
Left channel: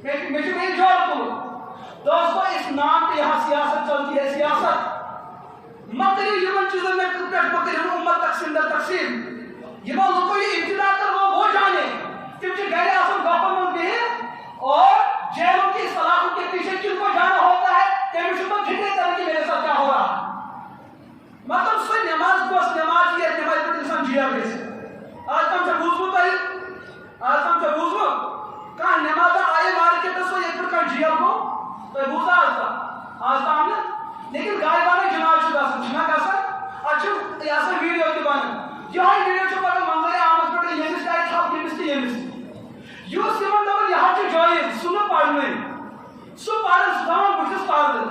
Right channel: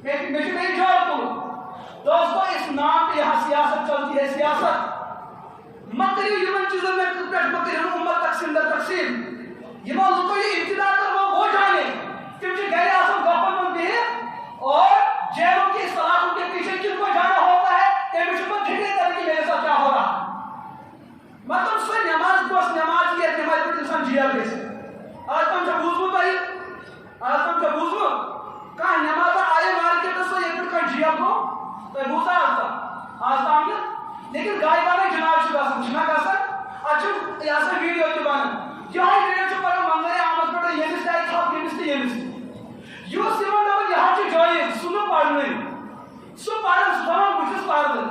خٲطرٕ مےٚ چھُ بیٚیہِ جاب تُلُن دوستو اس نام پہ یہاں سیاست چلتی ہے سیاست مت کریو یمن چیزن میں پٮ۪ٹھ مت کریو امت تقسیم در تقسیم یمن لوگوں یہ ابتدا کر وہ جانے تم چھِ گرِ آسان گپن منٛز بِہِتھ اور جیلوں کی سلاخوں کے پیچھے کن کو جانا ہوتا ہے تمہیں چھُ پتہٕ فکرے کران کہ میرے ساتھ کیا ہو رہا مطلب سۄ نماز گوٚژھ نماز یتھ نمازِ پٮ۪ٹھ انسان جیل گژھِ آز تام چھا بوٗزمُت کانٛہہ نمازا آیہِ مارکیٹس سۄ یتھ پٮ۪ٹھ کانٛہہ جیل گوٚو تۄہہِ بوٗزا آز تام نہٕ لیکن غایبانہ جناب چھُ گژھان چھُنہ گژھان اتھ چھُ یہِ ہسا ویڈیو تہِ بنان یِہوے ویڈیو چھُ پگاہ منظرِ عامس پٮ۪ٹھ ییٚمِس تہِ آیہِ تھپھ ییٚمِس تہِ ییٚمِس تہِ یُس تِمن دپان یہِ حظ چھُ جٲیِز سُہ نہٕ پرنٕے سُہ پران سُہ دپان بہٕ چھُس پردٕ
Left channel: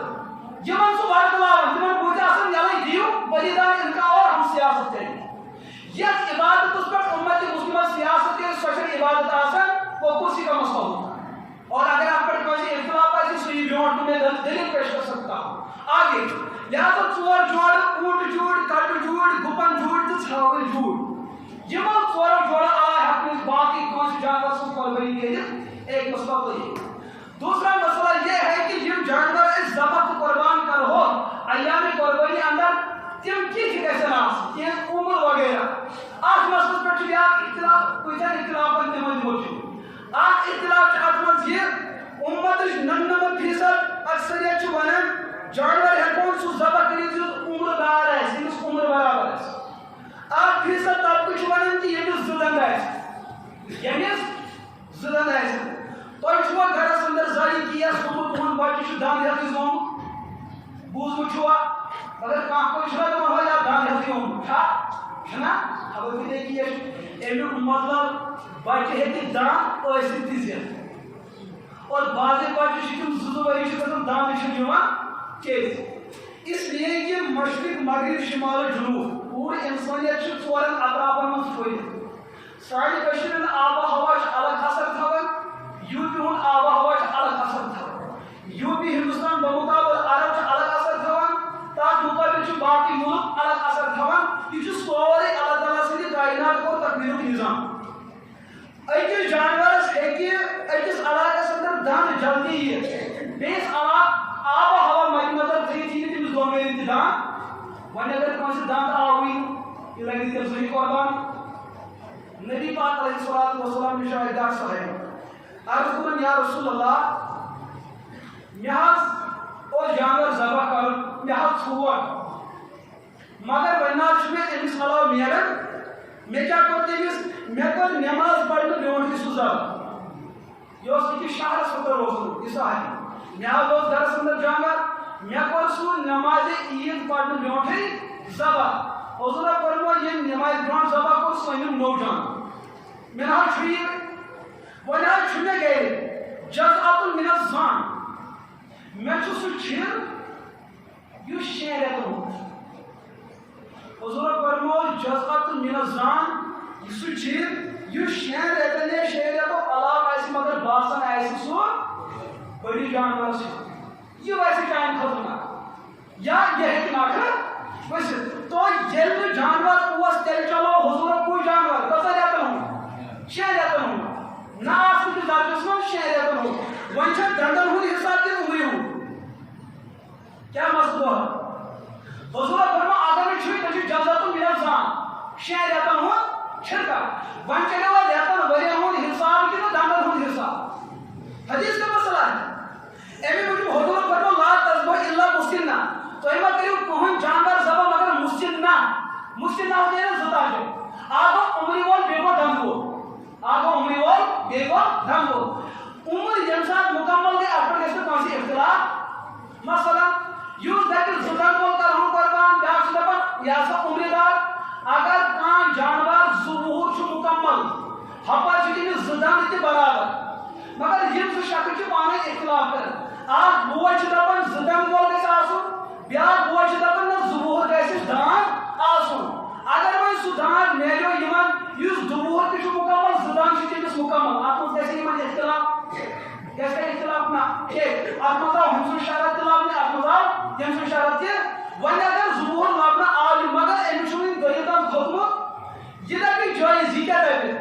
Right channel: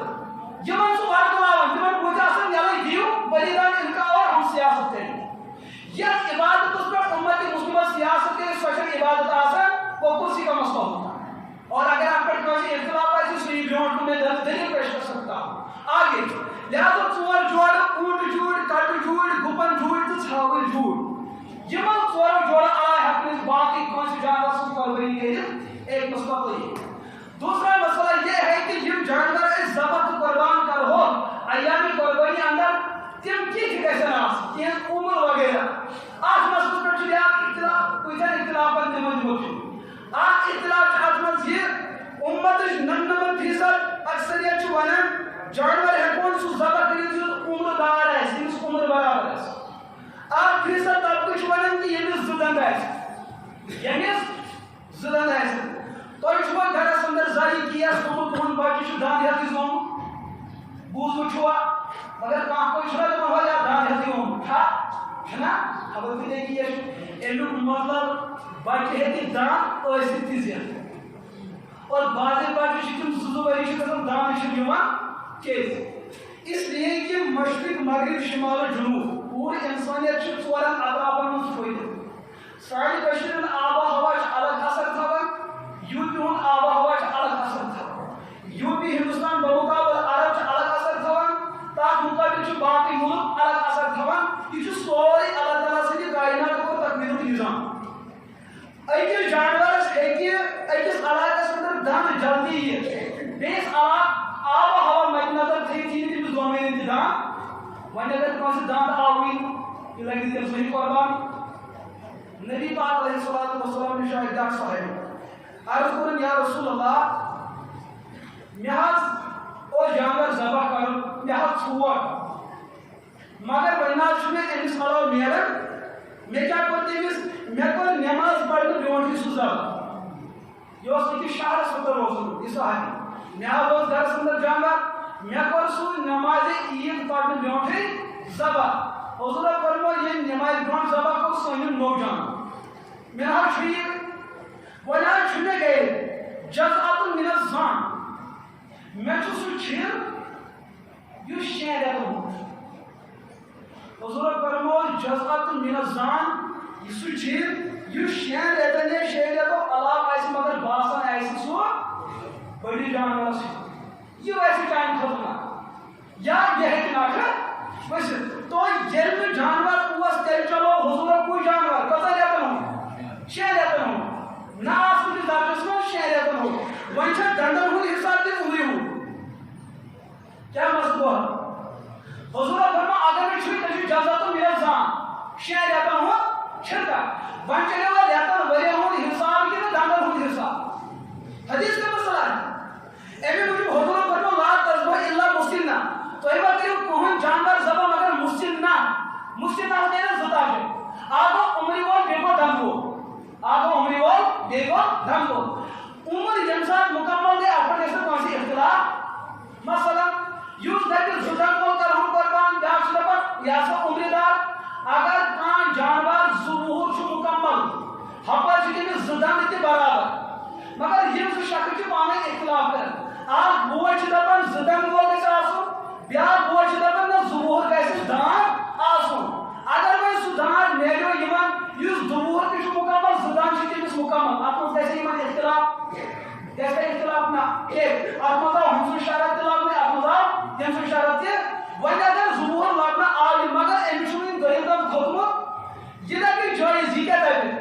یِمن سُہ ورکلاوان تِمن بُتھِ آسان یلے دِیِو بٔلِدان اِنکار اور ہم سیاست کریں یتھ عبادتس پٮ۪ٹھ اُمت مُسلمہ سیاست کرِ سۄ چھنہٕ عبادت آسان وہ کُرسی کا مسئلہ ہوتا اور اگر آپ پر کوئی اختلاف آئے سو یہ بیونٹ تمہیں دلیل پیش کر سکتا ہوں آگے لہذا ژور جوڑ اونٹ جوڑ کٹ جوڑ گپن جوڑ تو ژھاوٕلۍ جوڑ یمن ژورو جوڑن آے ہیٚکہِ باقی کٲنٛسہِ جانور سٕنٛز قۄربٲنی کٔرِتھ ایک مسئلہ تو یہ دوسرا مسئلہ یہ ہے کہ یم جانور أسۍ ذبح تہٕ قربان کرہو ایام قربٲنی اندر تم کِتھ گژھن آسٕنۍ تِہنٛز عمر وغیرہ اتھ مسئلس پٮ۪ٹھ چھُ بیاکھ اختلاف کۭتیاہ اختلافن تِمن دِمو چھُ اکھ اختلاف چھُ اتھ منٛز یہِ اُمتٕچ 99% اکثریت چھِ ونان جانور ہیٚکون سُہ ذبح کٔرِتھ یُس عمر دار آسہِ ییٚمِس عمر برابر آسہِ 1% طبقہٕ چھُ ونان کہِ ییٚمِس 2 دنٛد آسہِ ییٚمِس 2 دنٛد آسہِ تۄہہِ چھُوا گرس انٛدر زانہِ کیس گوٚمُت تُہُنٛد بچہِ چھُ دنٛد ہیٚتھٕے زومُت بوٗزمُت چھُوا اگر کانٛہہ کوٚر چھُنا دپان ہو یا دنٛد ہیٚتھٕے اومُت چھُنا خبر کۭتیاہ کیس چھُ امیُک مطلب بچہِ ہیٚکہِ دنٛد ٲسِتھ تہِ زِتھ اور بعضے بچہِ چھِ تِم 2 ؤری چھِ گژھان دنٛد چھِنہٕ یِوان کیٛازِ اس لیے کہ مشرق مغرب شمال و جنوب پوٗرٕ انسانیت چھِ 4 اطرافن منٛز پھٔہلِتھ سانہِ کٔشیٖرِ ہُنٛد آب و ہوا چھُ الگ اثر تھاوان یوٗ پی ہُنٛد آب و ہوا چھُ الگ اثر تھاوان یوٗ پی ہندوستان بمقابل عرب چھُ الگ اثر تھاوان تتھ مقابل چھُ باقٕے مُلک الگ اثر تھاوان یہِ چھُ سورُے اللہ تعالیٰ سٕنٛدِ کائنات کوٚر تقدیٖرُک نظام أکِس جانورس ہیٚکہِ أکِس علاقس انٛدر دنٛد جلدی یِتھ بیٚیِس علاقہٕ آب و ہوا مدِ نظر تھٲیِتھ یی نہٕ تٔمِس دۄنوٕنیَن تہِ دنٛد وۄنۍ اگر کٲنٛسہِ دنٛد آوٕے نہٕ یہِ لگہِ تیٚلہِ صحیح قۄربان نبی پاک علیہ الصلوۃ والسلام نِش آے بیٛاکھ صحابی عرض کوٚرُن یا رسول اللہ مےٚ حظ اوس جانور ذبح کرُن مےٚ حظ ژھور مگر وۄنۍ نہ حظ چھُ مےٚ أمِس علاوٕ میلان مےٚ کیٛاہ کوٚر تٔمِس مےٚ کوٚر نٮ۪ماز پرنہٕ برونٛٹھٕے سُہ ذبح یہِ اوس أکِس شہرس انٛدر اوسمُت یہِ صحابی مےٚ حظ اوس گرس انٛدر جانور مےٚ کوٚر سُہ نٮ۪مازِ عیٖد پرنہٕ برونٛٹھٕے ذبح حضوٗرو فرموو ییٚمۍ نٮ۪مازِ برونٛٹھ ذبح کوٚر سُہ أنِن نوٚو جانور مےٚ نہ حظ چھُ یہِ وۄنۍ حظ چھُ مےٚ گرِ جزعة من الظن مےٚ چھُ سُہ چھِر یُس 6 رٮ۪تن ہُنٛد حضوٗرو فرموو جزعة من الظن سُہ چھِر یُس 6 رٮ۪تن یا 6 رٮ۪تو علاوٕ آسہِ مگر باسان آسہِ سُہ بٔڑِس جانورس چھُ یہِ ویسے چانہِ خٲطرٕ نہ یا یہ ہے ناخر ورست تو یل جانور اس تیل چلو حضور کوئی جانور کتا ریتن ہوں 6 ریتن ہوں نا آس کچھ درجس میں 6 ریتن ہوں وہیں چھا ڈنڈن ہوں حساب کے عمری ہوں کیا مقصد ہوا حضور فرما اگر میں چھوئی تجھے جزا تو میرا زان 6 ریتن ہوں چھرکا وہیں چلے ہوا ریتن وری ہوں حساب کی نا ڈنڈن ہوں حساب حدیث کا مسئلہ ہے ایمی مجھے حضور فرما لا تذبح الا مسلنا تو ایما کریو کون جانور زبا مگر مسلنا مسلنا ہوتے ہیں زتا ہے آگو عمری وال بیگو ڈھنگو آگو عمری وال بیگو ڈھنگو عمر جنسات مکمل دے اپنے ایسے کون سی اختلاف مثلا یوز دیکھر زدن کو کر ہم قربان جاک شدپن یا سا عمری دار اگر کان جانور ظہور شو مکمل ہپا چکی میں زدن اتی برابر مگر یہ تو شکل چی پانے اختلاف کریں آج بوئی شدپن زدن کو کیسے آسو بیاد بوئی شدپن نا ظہور کیسے دان آسو اگر میں سدان میلیو ایمان یوز ظہور کی شو مکمل زدان چی تیس مکمل آپ کو کیسے ایمان اختلاف کیسے اختلاف نا ایک آپ مطلب ہمسو اشارت اختلاف نے آپ مطلب ہمسو اشارت کے وانی اگر ظہور لابنا آج مگر امیشونین گریدان خطمو یہ لیکن جائزی کیا دیتے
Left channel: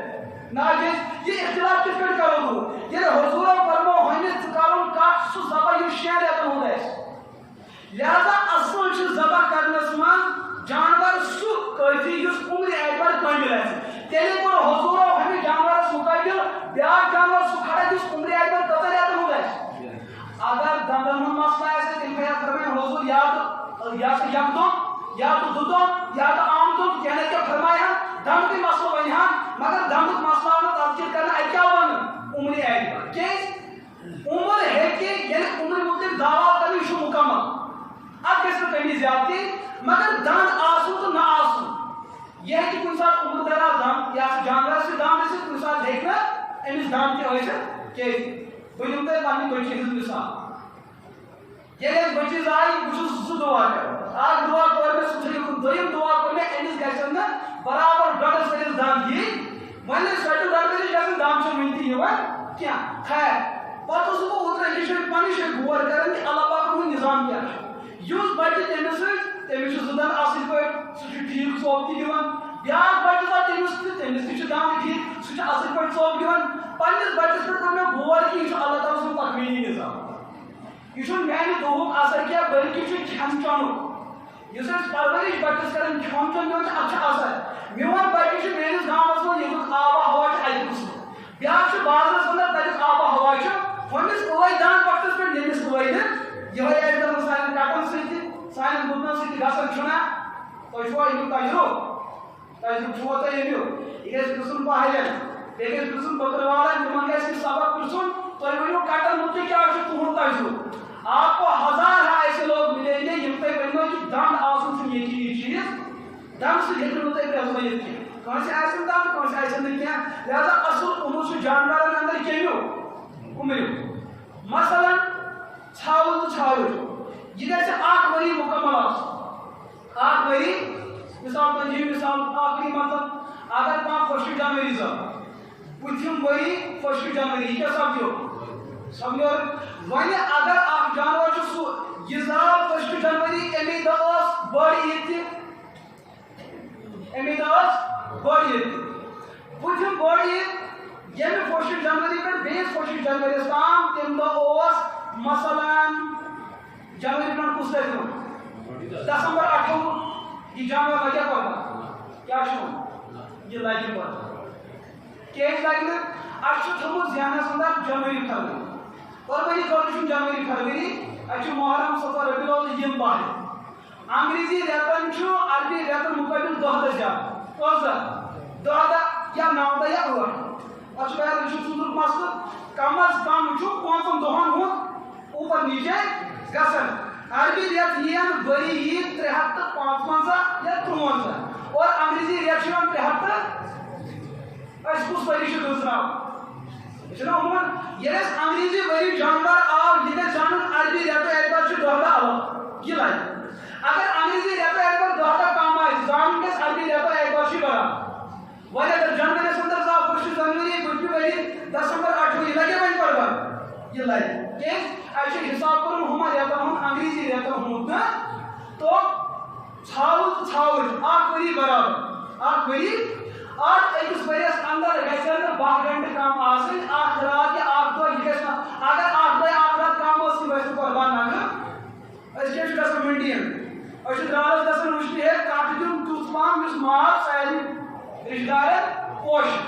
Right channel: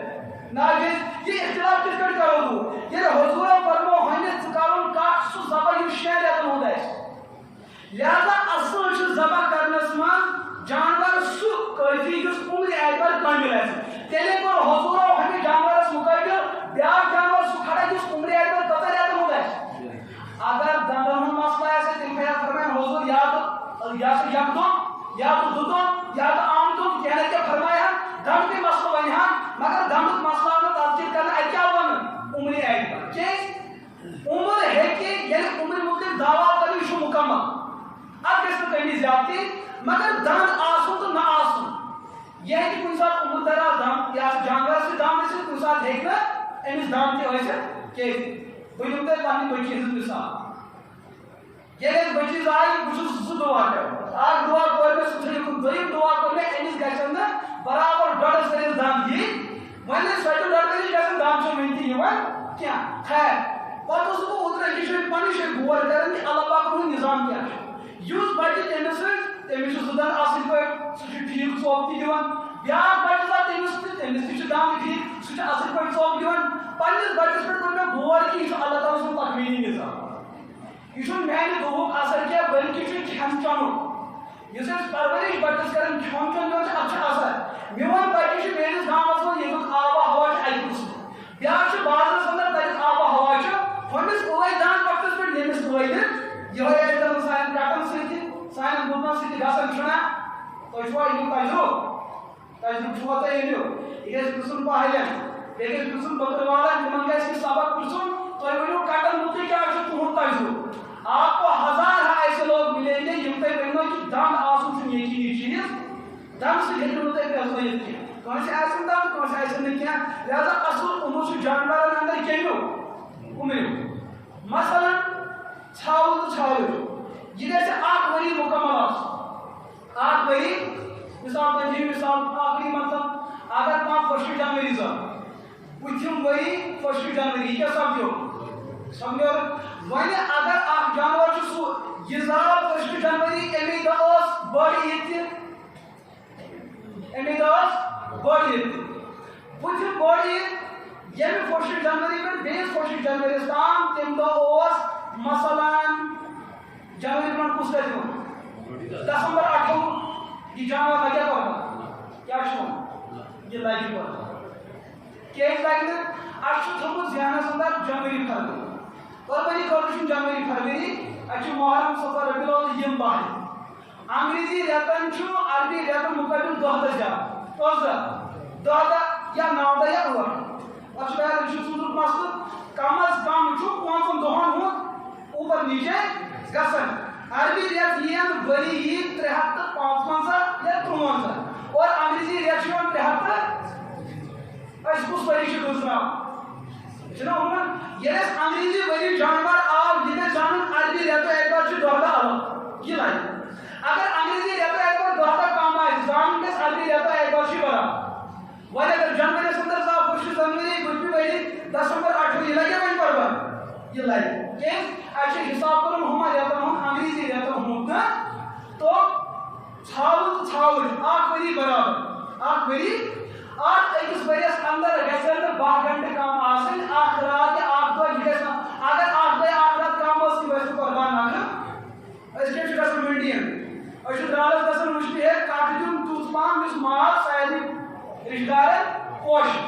ناجیز یہ اختلاف کس کٹ کرو دو یہ حضور فرمو ہمیں تکالون کاٹ سو زبا یو شہر لیتن ہو دائش لہذا اصل چھ زبا کرنے سمان جانور سو کافی جس عمری ایدبار کنجل ہے تیلے کو حضور ہمیں جانور سو کافی بیاک جانور سو کھڑا جس عمری ایدبار کتا لیتن ہو دائش اگر دندن ہم مسئلہ ایسے تل میں فرمائیں حضور یا تو یک دو یا تو دو یا تو عام دو کہنے کیا فرمائے ہیں دم کی مسئلہ بنی ہیں مگر دم کی مسئلہ میں تذکر کرنا ہے کیا بن عمری ایدبار کہ عمر ہے کہ یعنی عمر مطلب دعویٰ کرنی شو مکمل اب کیسے کمی زیادتی مگر دان آسو تو نہ آسو یہ ہے کہ کوئی ساتھ عمر دراز دان یا جانور سے دان میں سے کوئی ساتھ دیکھنا امیز دان کے ہوئے سے کیسے کوئی جمتے پانی کوئی چیز مثال یہ اس بچیز آئی کچھ سو دعا کرو آج دعا کرنے سوچے دویم دعا کرنے امیز گیسن برابر ڈاٹر سریز دان دی ویلے سوچو ڈاٹر سریز جیسے دان چو منتی ہوا کیا خیر بات اس کو اتنا ایشن پانی شے گوار کریں کہ اللہ پاک نے نظام کیا ہے یوز بچی تیمس تیمس زدن اصل پہ سہ ٹھیک ثواب تھی دان بیاکھ بچہ سا تیمس تھی دان ٹھیک سہ اصل پہ ثواب دان پنس بچس پہ کوٚر مےٚ غور کہ یہ اللہ تعالیٰ سُنٛد تقویٖنی نظام یہ میانہ دہُک اثر کیا بلکہ کھین چونک اس پرورش بچس کران کھین چون دِوان اتھ اثر میون بچہ میٲنِس گامس منٛز ییٚمیُک آب و ہوا اکہ قٕسمُک بیاکھ بازرس اندر تتیُک آب و ہوا ہُمس ٲے دان وقتس پہ ییٚمِس ٲے نہٕ یہ آسہِ دپان سانٮ۪ن کٹن سۭتۍ سانٮ۪ن گُپنن سۭتۍ گژھان چھُنا تۄہہِ چھُوا امیُک تجربہٕ چھُوا تۄہہِ امیُک یہِ گژھِ پرژھُن پہلٮ۪ن بیٚیہِ گژھِ پرژھُن بٔکٕروالن تِمن گژھِ یہِ سبق پرژھُن تُہۍ ؤنِو کٹن متعلق کیٛاہ چھُ تُہُنٛد تجربہٕ آپ کو ہزار ایسے لوگ ملیں گے یم تۄہہِ ؤنِو کہ دند آسُن چھُنہٕ یقینی چیٖز دند سۭتۍ ہیٚکِو نہٕ تُہۍ پرٛزنٲیِتھ کینٛہہ کٲنٛسہِ آسن دند کٲنٛسہِ آسن نہٕ کینٛہہ لہذا اصل عمر چھُ جانورن اندر کمیُک عمریُک مثلاً ژھاوُل تہٕ ژھاوٕج یہ گژھِ اکھ ؤری مکمل آسُن اکھ ؤری مثال تُہۍ مثال آخری مطلب اگر کانٛہہ 1 جنوری زاو پوٗتھِم ؤری 1 جنوری یہِ کیٛاہ سپدیو سمجھو وۄنۍ اگر اکھ جانور چھُ سُہ یہِ زاو 1 جنوری امی دۄہ ٲس بٔڑ عیٖد تہِ امی دۄہ ٲس بٔڑ عیٖد تہِ پوٗتھِم بٔڑ عیٖد ییٚمہِ 1 جنوری پٮ۪ٹھ بیٚیِس 1 جنوری تام تمہِ دۄہ اوس مثلاً جنوری برٛونٛٹھ کُس رٮ۪تھ یِوان دسمبر 28 یہِ جانور لگیا پتہٕ کیٛاہ چھُ وَنان یہِ لگہِ پتہٕ کیٛازِ لگہِ نہٕ اَسہِ چھُ تھوٚمُت ذہنس اندر جنوری فروری قربٲنی خٲطرٕ چھُنہٕ جنوری فروری اَسہِ چھُ محرم صفر ربیع الاول یِم باہہ انگریزی رٮ۪تن چھُ عربی رٮ۪تن مُقٲبِل 10 دۄہ زیادٕ 10 دۄہ یا 9 دۄہ یا 8 اَتھ چھُ بیان یہِ چھُ ژوٗرُک مسلہٕ کم از کم چھُ 5 دۄہن ہُنٛد اوپر نیچے گژھان عربی رٮ۪تھ یِن ؤری یی 355 یا 53 اور انگریزی رٮ۪تھ چھُ یِوان 300 أسۍ کُس ؤری چھُ گٔژھراوان چھُنا عموٗمن ییٚلہِ اَسہِ انگریزی ؤری جانور آو یہِ گژھِ زانُن عربی رٮ۪تو اعتبار چھُ 10 دۄہ علاوٕ یہِ لگہِ اگر انگریزی رٮ۪تو اعتبار 10 دۄہ کم آسہِ زانُن گژھِ عربی رٮ۪تو اعتبار چھُ برابر وۄنۍ اگر جنوریَس اندر زاو 1 جنوری پٔتمہِ ؤری دسمبر 28 یہِ لگہِ وۄنۍ برابر یہِ لگہِ کیٛازِ اَسہِ چھُ حساب کرُن ہُمن رٮ۪تن ہُنٛد انگریزی رٮ۪تن ہُنٛد تہٕ تو ژھاوٕج اکھ ؤری برابر اکھ ؤری اتھ أکِس ؤرِیَس اندر گژھن نہٕ 12 گھنٹہٕ کم آسٕنۍ اکھ رات یا اکھ دۄہ یہِ گژھِ نہٕ اگر اکھ دۄہ اکھ رات کم ٲس یہِ گژھِ نہٕ قۄربان نکرٕ أسۍ کیٛاہ چھِ گژھان منڈین أسۍ چھِ درٛالَس گژھان وٕچھنہِ ہے کٹھ دیُن تیُتھ پہم یُس ماز سارنٕے رِشتہٕ دارن پوشہِ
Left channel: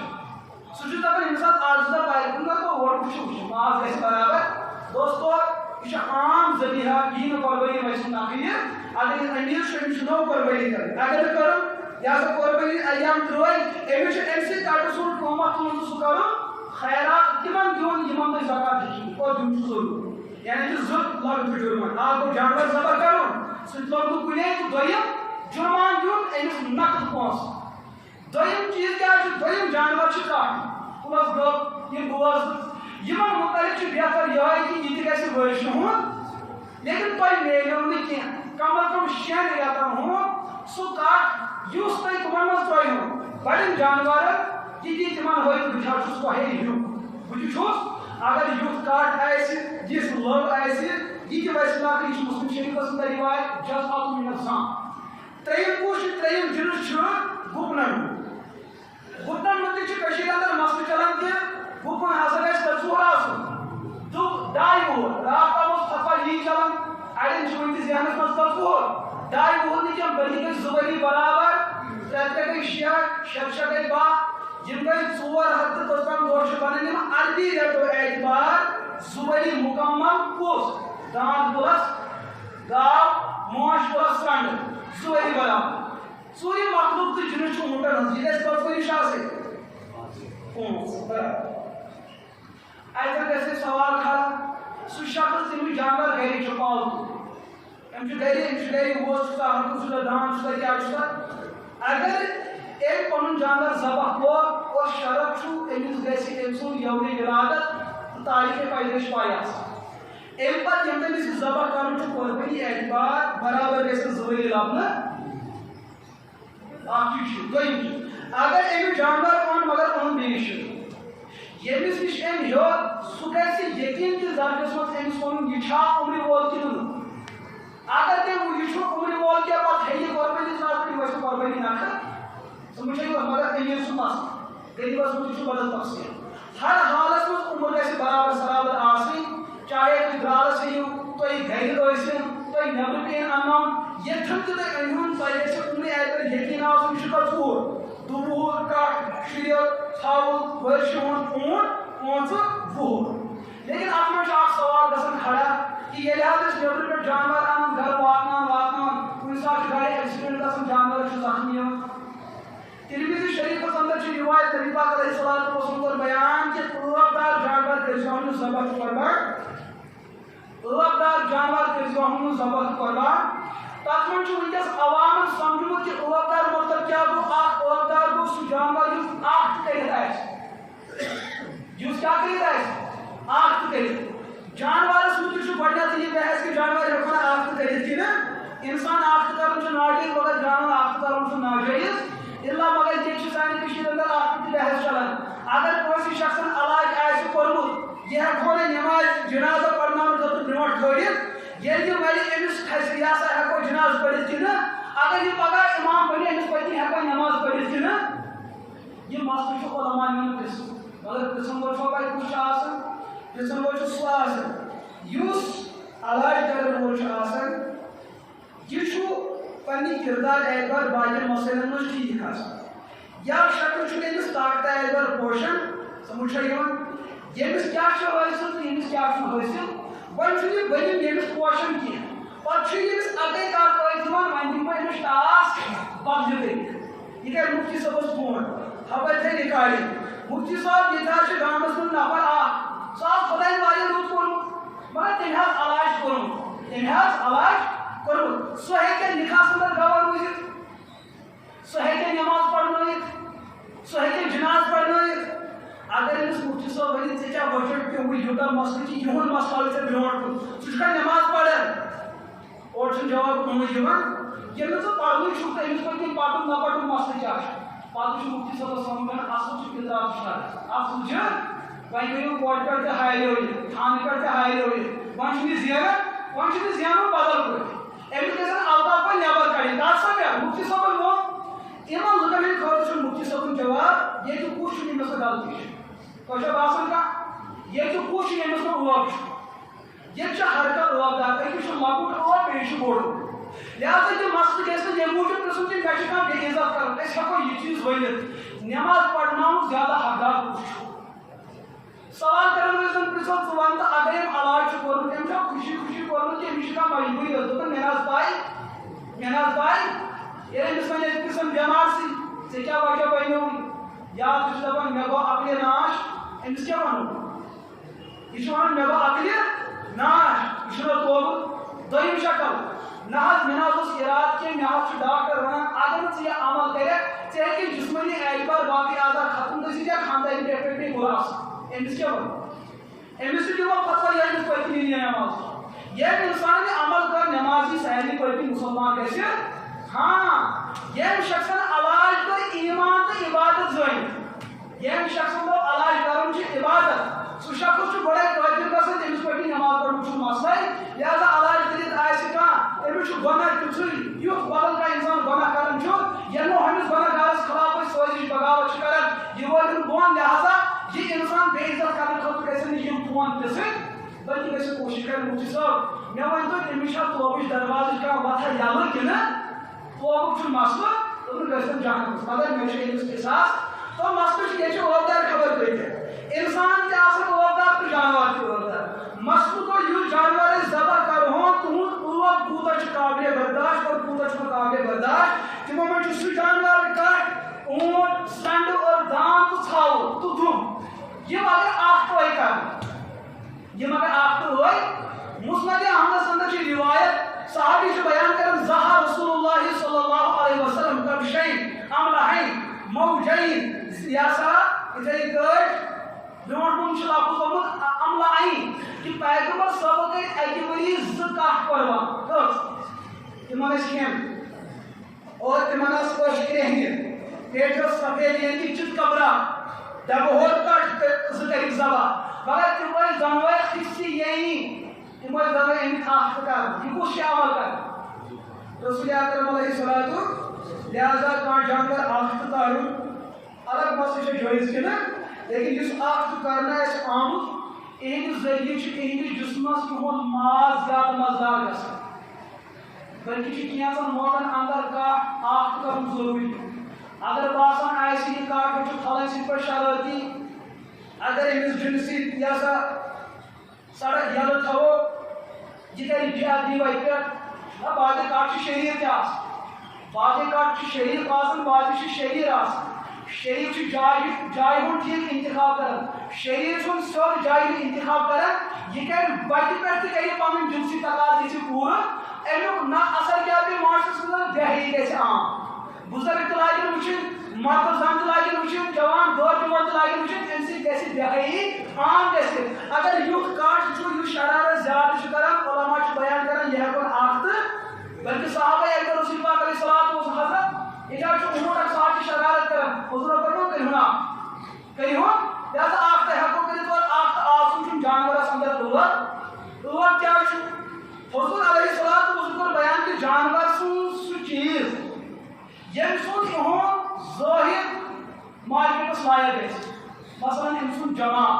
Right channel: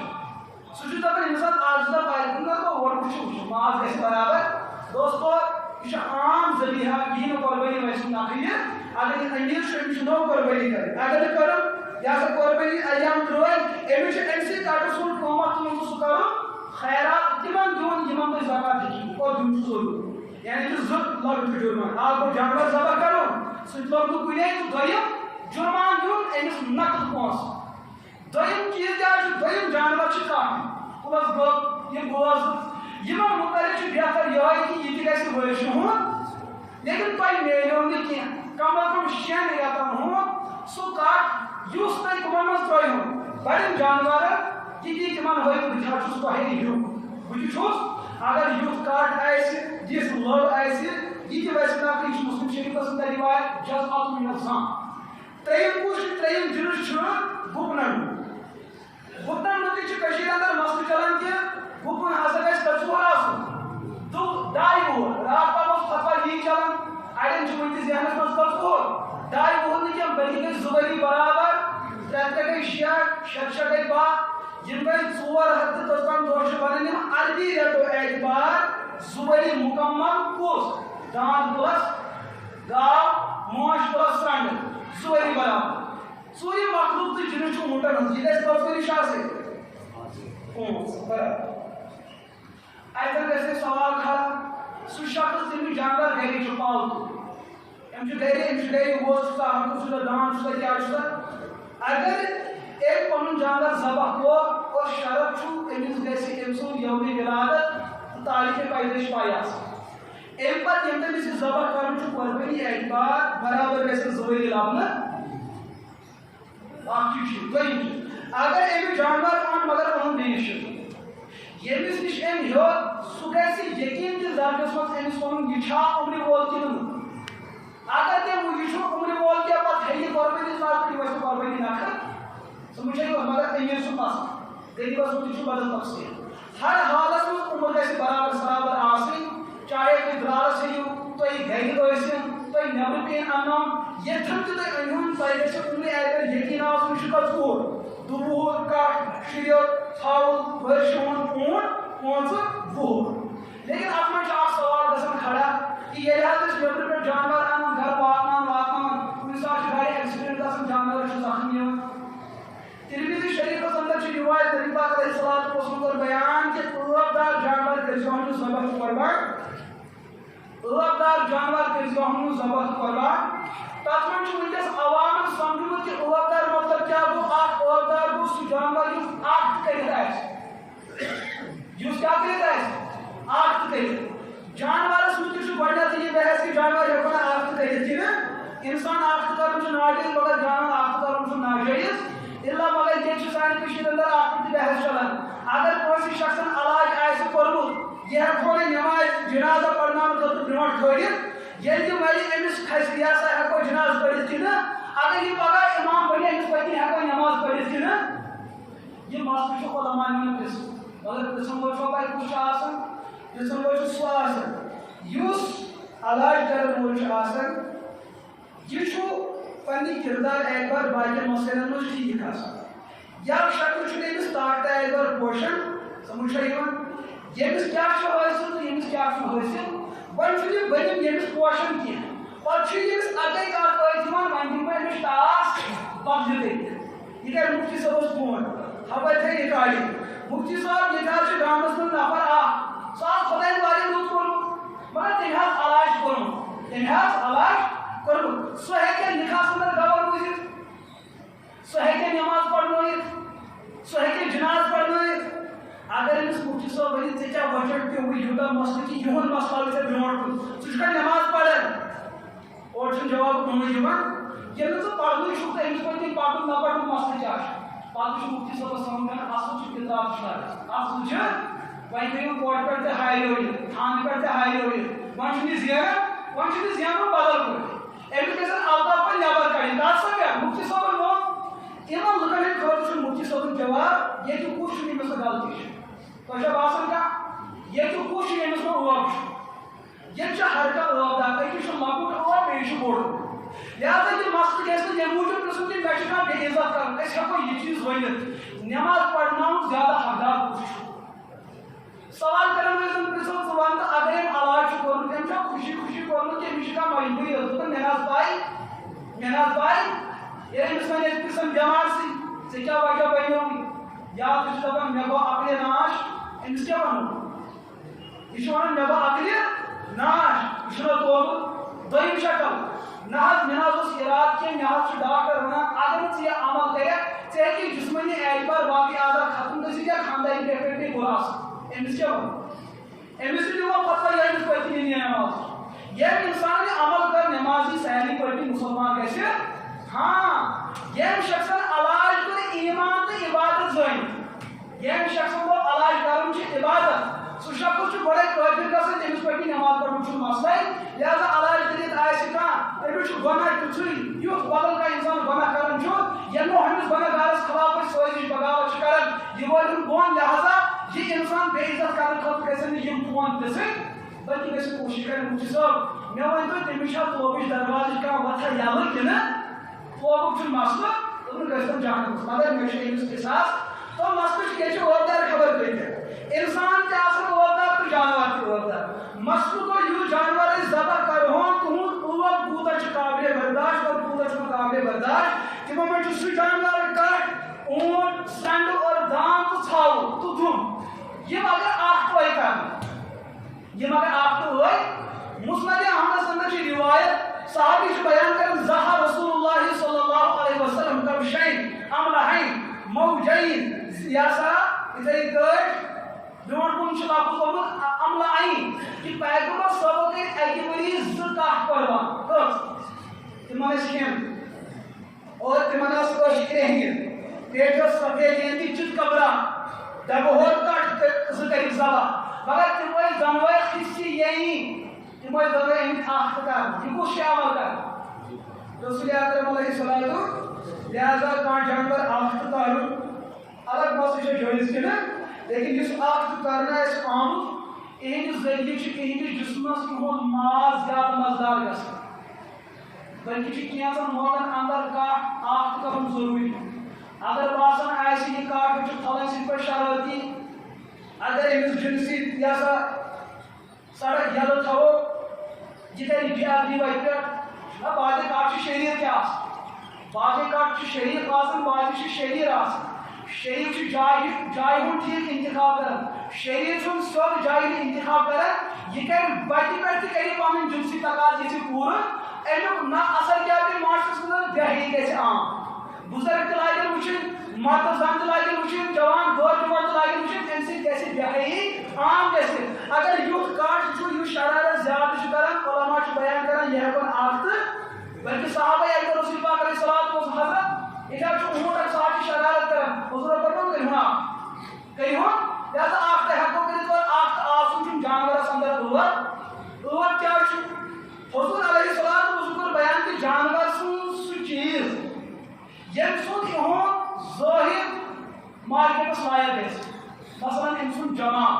سُہ چھُ دپان ییٚمہِ ساتہٕ اکھ زٕ دۄہ پَرِ کُن گوٚو اورٕ وٕچھو ماز گژھِ برابر دوستو یہ عام ذریعہ یہ قربانی ویسے نقی اگر یہ امیر چھُ نو قربانی کریں اگر نہ کرو یا سا قربانی ایام ترٛٲے أمِس چھُ اَمہِ سۭتۍ کَٹہٕ سُنٛد قۭمَتھ تُلُن تہٕ سُہ کَرُن خیرات تِمن دیُن یِمن تُہۍ زکات ہیٚکِو اور دیُن چھُ ضروٗری یعنی کہِ زٕ لۄکٕٹۍ جُرمان اکھ گوٚو جانور ذبح کَرُن سُہ تہِ لوٚگ نہٕ کُنے تہٕ دوٚیِم جُرمان دیُن أمِس نقد پونٛسہٕ دوٚیِم چیٖز کیٛاہ چھُ دوٚیِم جانور چھُ کَٹھ پٕلس گٔب یِم بوز یِمن مُتعلِق چھُ بہتر یِہوٚے کہِ یہِ تہِ گژھِ ؤرشہِ ہُنٛد لیکن تۄہہِ میلیو نہٕ کینٛہہ کم از کم 6 رٮ۪تن ہُنٛد سُہ کٹھ یُس تۄہہِ تِمن منٛز ترٛٲیِو بڑٮ۪ن جانورن تِتی تِمن ہٲیِو بہٕ چھُس تۄہے ہیوٗ بہٕ تہِ چھُس اگر یُتھ کٹھ آسہِ یِژھ لٔب آسہِ یہِ تہِ ویسے نقل یہِ چھُ مُسلم شریٖفس منٛز رِوایت جزعت من الزام ترٛیٚیِم کُس چھُ ترٛیٚیِم جِنس چھُ گُپنن گُپنن مُتعلِق چھِ کٔشیٖرِ انٛدر مسلہٕ چلان کہِ گُپن ہسا گژھِ کٔژوُہُر آسُن 2 وُہُر راتھ پتہٕ اوس فتوا یی چلان اڑٮ۪ن چھُ وُنہِ تہِ ذہنس منٛز 2 وُہُر 2 وُہُر نہٕ کینٛہہ بٔلکہِ گٔے 2 ؤری برابر 3 گٔے 6 6 گٔے 12 یِم گٔے 455 دۄہ چھِ بنان یِم عربی رٮ۪تو اعتبار 2 ؤری مُکمل کُس داند پلس گاو موش پلس سرٛنٛڈٕ 2 ؤری برابر ژوٗرِم مخلوق تہٕ جِنس چھُ وُنٛٹن ہٕنٛز یہِ گژھِ 5 ؤری چھِ آسٕنۍ 5 برابر اگر گژھِ سوال کھڑا سُہ شخص ییٚمِس جانور گرِ چھُ پالتوٗ أمِس چھُ گرِ ووز چھُسا ہکُن چھُسا داند چھُسا کیٛاہ چھُسا اگر أمۍ پنُن جانور ذبح کوٚر اور شرط چھُ أمِس گژھِ أمۍ سُنٛد یومہِ ولادت تہٕ تاریٖخِ پیدٲیش پاے آسٕنۍ اَمہِ پتہٕ ییٚمہِ تٔمِس یہِ ذبح کرُن چھُ قۄربٲنی اعتبار برابر گژھِ 2 ؤری لبنہٕ اکھ چیٖز چھُ دوٚیِم چیٖز اگر أمۍ جانور اوٚن مگر اوٚن بیٚیِس چھُ ییٚمِس نِش أمۍ ہیوٚت سُہ گژھِ یقیٖن کہِ زرگس منٛز أمِس ووٚنُن یہِ چھا عمرِ وول کِنہٕ نہٕ اگر تٔمۍ یہِ چھُ عمرِ وول کینٛہہ پتہٕ ہیٚیہِ قۄربٲنی ساس پٲٹھۍ گژھِ قۄربٲنی نکھٕ سُہ وٕچھے مگر أمیٖر چھُ پسنٛد غریٖبس منٛز چھُ بدل تفصیٖل ہر حالس منٛز عمر گژھِ برابر برابر آسٕنۍ چاہے تُہۍ درٛالس ہیٚیِو تُہۍ گرِ ٲسِن تُہۍ نٮ۪برٕ کِنۍ اننو ییٚتھن تہِ تُہۍ أنۍہُن تۄہہِ گژھِ عمرِ اعتبار یقیٖن آسُن یہِ چھُ 4 وُہُر 2 وُہُر کٹھ شُرِتھ ژھاوُل ؤرشہِ ہُنٛد اوٗنٹ 5 وُہُر لیکن اتھ منٛز چھُ اکھ سوال گژھان کھڑا کہِ ییٚلہِ حظ أسۍ نٮ۪برٕ پٮ۪ٹھ جانور انان گرٕ واتناوان کُنہِ ساتہٕ چھُ گاڑِ ایکسیڈنٹ گژھان جانور چھُ زخمی یِوان ترمذی شریفس اندر چھِ رِوایت نبی پاک علیہ الصلوۃ والسلام کوٚر بیان کہِ ٲبدار جانور کٔرۍزِہون نہٕ ذبح تہٕ قۄربان ٲبدار جانور کٔرۍزِہون نہٕ ذبح تہٕ قۄربان تتھ منٛز چھُ وٕنکیٚس عوامن سمجھمُت کہِ ٲبدار مطلب کیٛاہ گوٚو اکھ ٲبدار گوٚو سُہ جانور یُس اکھ تہِ کٔرِتھ آسہِ یُس کیٛاہ کٔرِتھ آسہِ اکھ تہِ کٔرِتھ جانورس مُتعلِق چھُ گۄڈٕنیتھٕے یہِ بحث کہِ جانور ہٮ۪کون اکھ تہِ کٔرِتھ کِنہٕ اِنسان اکھ تہِ کرُن چھُ ناجٲیز مگر جانور اکھ تہِ کرُن چھُ ناجٲیز الا مگر ییٚتہِ چھُ سانہِ کٔشیٖرِ انٛدر اکھ تہِ بحث چلان اگر کٲنٛسہِ شخصن علاج آسہِ کوٚرمُت یہِ ہٮ۪کہون نہٕ نٮ۪ماز جنازہ پرناونہٕ خٲطرٕ برونٛٹھ کھٲلِتھ ییٚلہِ یہِ مرِ أمِس کھسہِ یہِ ہسا ہٮ۪کو جناز پٔرِتھ کِنہٕ اگر یہِ پگاہ اِمام بنہِ أمِس پتہٕ ہٮ۪کو نٮ۪ماز پٔرِتھ کِنہٕ یہِ مسلہٕ چھُ علماءن ہُنٛد قٕسم مگر قٕسم وول چھُوا پاے کُس چھُ آسان قٕسم وول چھُ سُہ آسان یُس علاج کرن وول چھُ آسان یہِ چھُ پننہِ کِردار اعتبار باقین مسٲیلن منٛز ٹھیٖک آسان یا شکل چھُ أمِس طاقت اعتبار پوشن سمجھ چھا یِوان ییٚمِس کیٛاہ چھُ حٲصِل تہٕ ییٚمِس کیٛاہ چھُ حٲصِل وۄنۍ چھُنہٕ یہِ بٔنِم ییٚمِس پوشن کینٛہہ پتہٕ چھُ ییٚمِس اَکٕے کتھ ٲسۍ دِوان وۄنۍ دِمہٕ بہٕ أمِس ٹاس بدلہِ کٔرِتھ یہِ کرِ مُفتی صٲبس فون خبر تھٲے رِکاڈِنگ مُفتی صٲب ییٚتہِ حظ چھُ گامس منٛز نفر اکھ سُہ حظ خۄدایَن واریاہ رُت کوٚرمُت مگر تٔمۍ حظ علاج کوٚرمُت سُہ ہیٚکہِ نِکاحس انٛدر گواہ روٗزِتھ سُہ ہیٚکہِ نٮ۪ماز پرنٲیِتھ سُہ ہیٚکہِ جناز پرنٲیِتھ اگر أمِس مُفتی صٲب ؤنِتھ ژےٚ کیٛاہ وجہ پیوٚوُے یوٗتاہ مسلہٕ کہِ یِہُنٛد مسلہٕ ہاوِ ژےٚ برونٛٹھ کُن ژٕ چھُکھا نٮ۪ماز پران اورٕ چھُنہٕ جواب کُنُے یِوان ییٚلہِ نہٕ ژٕ پرنُے چھُکھ تہٕ أمِس پٔتۍ کِنۍ پَکُن نہ پَکُن مسلہٕ کیٛاہ چھُ پتہٕ چھُ مُفتی صٲبس سمجھان اصل چھُ کِردار چھُ اصل چھُ وۄنۍ گٔیو کوٹہِ پٮ۪ٹھ تہِ ہاے لٲگِتھ تھانہٕ پٮ۪ٹھ تہِ ہاے لٲگِتھ وۄنۍ چھُنہٕ یہِ زینان وۄنۍ چھُنہٕ زینُن بدل پٲٹھۍ أمس گژھن الطاف پہ نٮ۪بر کڑٕنۍ کتھ سمجھ مفتی صٲبن ووٚن یِمن لُکن ہٕنٛدِ خٲطرٕ چھُ مفتی صٲبُن جواب ییٚتہِ کُس چھُ ییٚمِس نہٕ غلطی چھِ تۄہہِ چھا باسان کانٛہہ ییٚتہِ کُس چھُ ییٚمِس نہٕ ٲب چھُ ییٚتہِ چھُ ہر کانٛہہ ٲب دار أکِس چھُ لۄکُٹ ٲب بیٚیِس چھُ بوٚڑ لہذا یہِ مسلہٕ گژھِ نہٕ ییٚمہِ موٗجوٗب پرٛژھُن کہِ مےٚ چھُ کانٛہہ بے عزت کرُن أسۍ ہٮ۪کو یہِ چیٖز ؤنِتھ نٮ۪ماز پرناوُن زیادٕ حقدار کُس چھُ سوال کرن وٲلۍ زن پرژھو ژٕ ون تہٕ اگر أمۍ علاج چھُ کوٚرمُت أمۍ چھا خوشی خوشی کوٚرمُت کہِ أمِس چھِ کانٛہہ مجبوٗری ٲس دوٚپُن مےٚ نہ حظ پاے ییٚلہِ أمِس وۄنۍ أسۍ پرژھان بٮ۪مارسٕے ژےٚ کیٛاہ وجہ بنیووُے یا ژٕ چھُ دپان مےٚ گوٚو عقلہِ ناش أمِس کیٛاہ وَنو یہِ چھُ وَنان مےٚ گوٚو عقلہِ ناش یہِ چھُنہ توبہٕ دوٚیِم شکل نہ حظ مےٚ نہ حظ اوس اِرادٕ کینٛہہ مےٚ حظ چھُ ڈاکٹر وَنان اگر نہٕ ژٕ یہِ عمل کَرکھ ژےٚ ہیٚکہِ جسمٲنی اعتبار باقٕے اعضاء ختم گٔژھِتھ یا خاندٲنی ڈیفیکٹ پیٚیہِ بُرٕ اثر أمِس کیٛاہ وَنو أمِس تہِ دِوان فتویٰ یہِ أمِس پٔتۍمہِ نِیہِ نٮ۪ماز ییٚلہِ اِنسان یہِ عمل کر نٮ۪مازی سارنٕے پٔتۍمہِ مُسلمان گژھِ ہاں ییٚمہِ شخصن علاج کٔر ایٖمان تہٕ عبادت زٲنِتھ ییٚمہِ شخصن دوٚپ علاج کرُن چھُ عبادت سُہ شخص چھُ گۄڈے قٲبِل گژھان تٔمِس پٔتۍمہِ نٮ۪ماز پرنُک چھُنہٕ مسلے لہذا علاج کٔرِتھ آسہِ کانٛہہ أمِس چھُ گۄناہ تیُتھُے یُتھ بدل کانٛہہ اِنسان گۄناہ کران چھُ ییٚلہِ نہٕ ہُمِس گۄناہ گارس خلاف أسۍ سٲزِش بغاوت چھِ کران یہِ وٲلِن بۄن لہذا یہِ اِنسان بے عزت کرنہٕ خٲطرٕ گژھن نہٕ یِم فون پِرٛژھٕنۍ بلکہِ گژھِ کوٗشِش کرٕنۍ مفتی صٲب مےٚ ؤنۍتو تٔمِس چھا توبٕچ دروازٕچ کانٛہہ وتھا یَلہٕ کِنہٕ توبُک چھُنہٕ مسلہٕ دوٚپُن گژھن جہنمس مگر مےٚ چھُ أمِس احساس تو مسلہٕ چھُ ییٚتہِ چھِ ٲبدار خبر کۭتیاہ اِنسان تہِ آسان ٲبدار تہٕ جانور تہِ ٲبدار مسلہٕ گوٚو یُس جانور أسۍ ذبح کرہون تُہُنٛد ٲب کوٗتاہ چھُ قابلِ برداشت اور کوٗتاہ چھُنہٕ قابلِ برداشت تِمو منٛز چھُ سُہ جانور کٹھ اوٗنٹ سنڈٕ اور دان تہٕ ژھاوُل تہٕ دُم یِم اگر اکھ ٹٲے مسند احمد اندر چھِ روایت صحابی چھُ بیان کران زہا رسول اللہ صلی اللہ علیہ وسلم کبشین املہین موجین یہ سا یِتھے کٲٹھۍ برونٛٹھ کُن چھُ لفظ آمُت املہین کہِ پیغمبر صٲبو کٔرۍ اکہِ ؤری 2 کٹھ قۄربان کٔژ تِمن ٲسۍ کھٮ۪ن اور تِمن ٲس ٲش کرٛیہنہِ پیٹہِ ٲس سفید یعنی کہِ چِت کبرا ڈبہٕ ہور کٹھ 2 کٔرِکھ ذبح مگر تِم ٲسۍ دۄنوَے حِصہٕ یعنی تِم ٲسۍ دۄنوَے أمِکۍ اکھ کران یہِ کُس چھُ عمل کران رسول اکرم علیہ الصلوۃ لہذا کانٛہہ جانور اکھ تہٕ کڑُن الگ مسلہٕ چھُ جٲیز کِنہٕ لیکن یُس اکھ تہٕ کرنہٕ آسہِ آمُت اِہِنٛدِ ذٔریعہٕ چھُ اِہِنٛدِس جسمس یِہُنٛد ماز زیادٕ مزٕدار گژھان بلکہِ چھُ کینٛژن موقعن اندر کانٛہہ اکھ تہٕ کرُن ضروٗری اگر باسان آسہِ یہِ کاٹھ چھُ پھلٲنۍ سٕنٛدۍ پٲٹھۍ شرٲرتی اگر أمِس ڈِنہٕ سۭتۍ یہِ ہسا سڑک یلہٕ تھاوو یہِ کرِ بے ادبی وتہِ پٮ۪ٹھ نہ باقٕے کٹھ چھِ شریٖر تہِ آسان باقٕے کٹھ چھِ شریٖف آسان باقٕے چھِ شریٖر آسان شریٖف چھُ جایہِ ہُنٛد ٹھیٖک انتخاب کران شریٖر چھُنہٕ سیوٚد جایہِ ہُنٛد انتخاب کران یہِ کرِ وتہِ پٮ۪ٹھ تہِ کرِ پنٕنۍ جنسی تقاضہٕ یژھِ پوٗرٕ امیُک نہ اثر کیٛاہ پیٚیہِ معاشرس منٛز بے حیٲیی گژھِ عام بُزرگ تہِ لاگن وٕچھِنۍ مرد زن تہِ لاگن وٕچھِنۍ جوان دور جوان تہِ لاگن وٕچھِنۍ امہِ سۭتۍ گژھِ بے حیٲیی عام گژھِ اگر یُتھ کٹھ چھُ یُس شرارت زیادٕ چھُ کران علما چھُ بیان کران یہِ ہٮ۪کون اکھ تہٕ بلکہِ صحابہ اکبر رسول پاک علیہ الصلوۃ والسلام ییٚتہِ حظ چھُ اوٗنٹ اکھ سُہ حظ چھُ شرارت کران حضوٗرو فرموو کٔرۍہُن اکھ کٔرۍہُن لہذا اکھ تہِ ہٮ۪کو کٔرِتھ اور اکھ تہٕ آسُن چھُنہٕ جانورس اندر ٲب کیٛاہ چھُ حضوٗر علیہ الصلوۃ والسلام کوٚر بیان کہِ جانور سُنٛد سُہ چیٖز ییٚمہِ سُنٛد یِہُنٛد ظٲہِر مارکیٹس لایق گژھِ مثلاً أمۍ سُنٛد جمال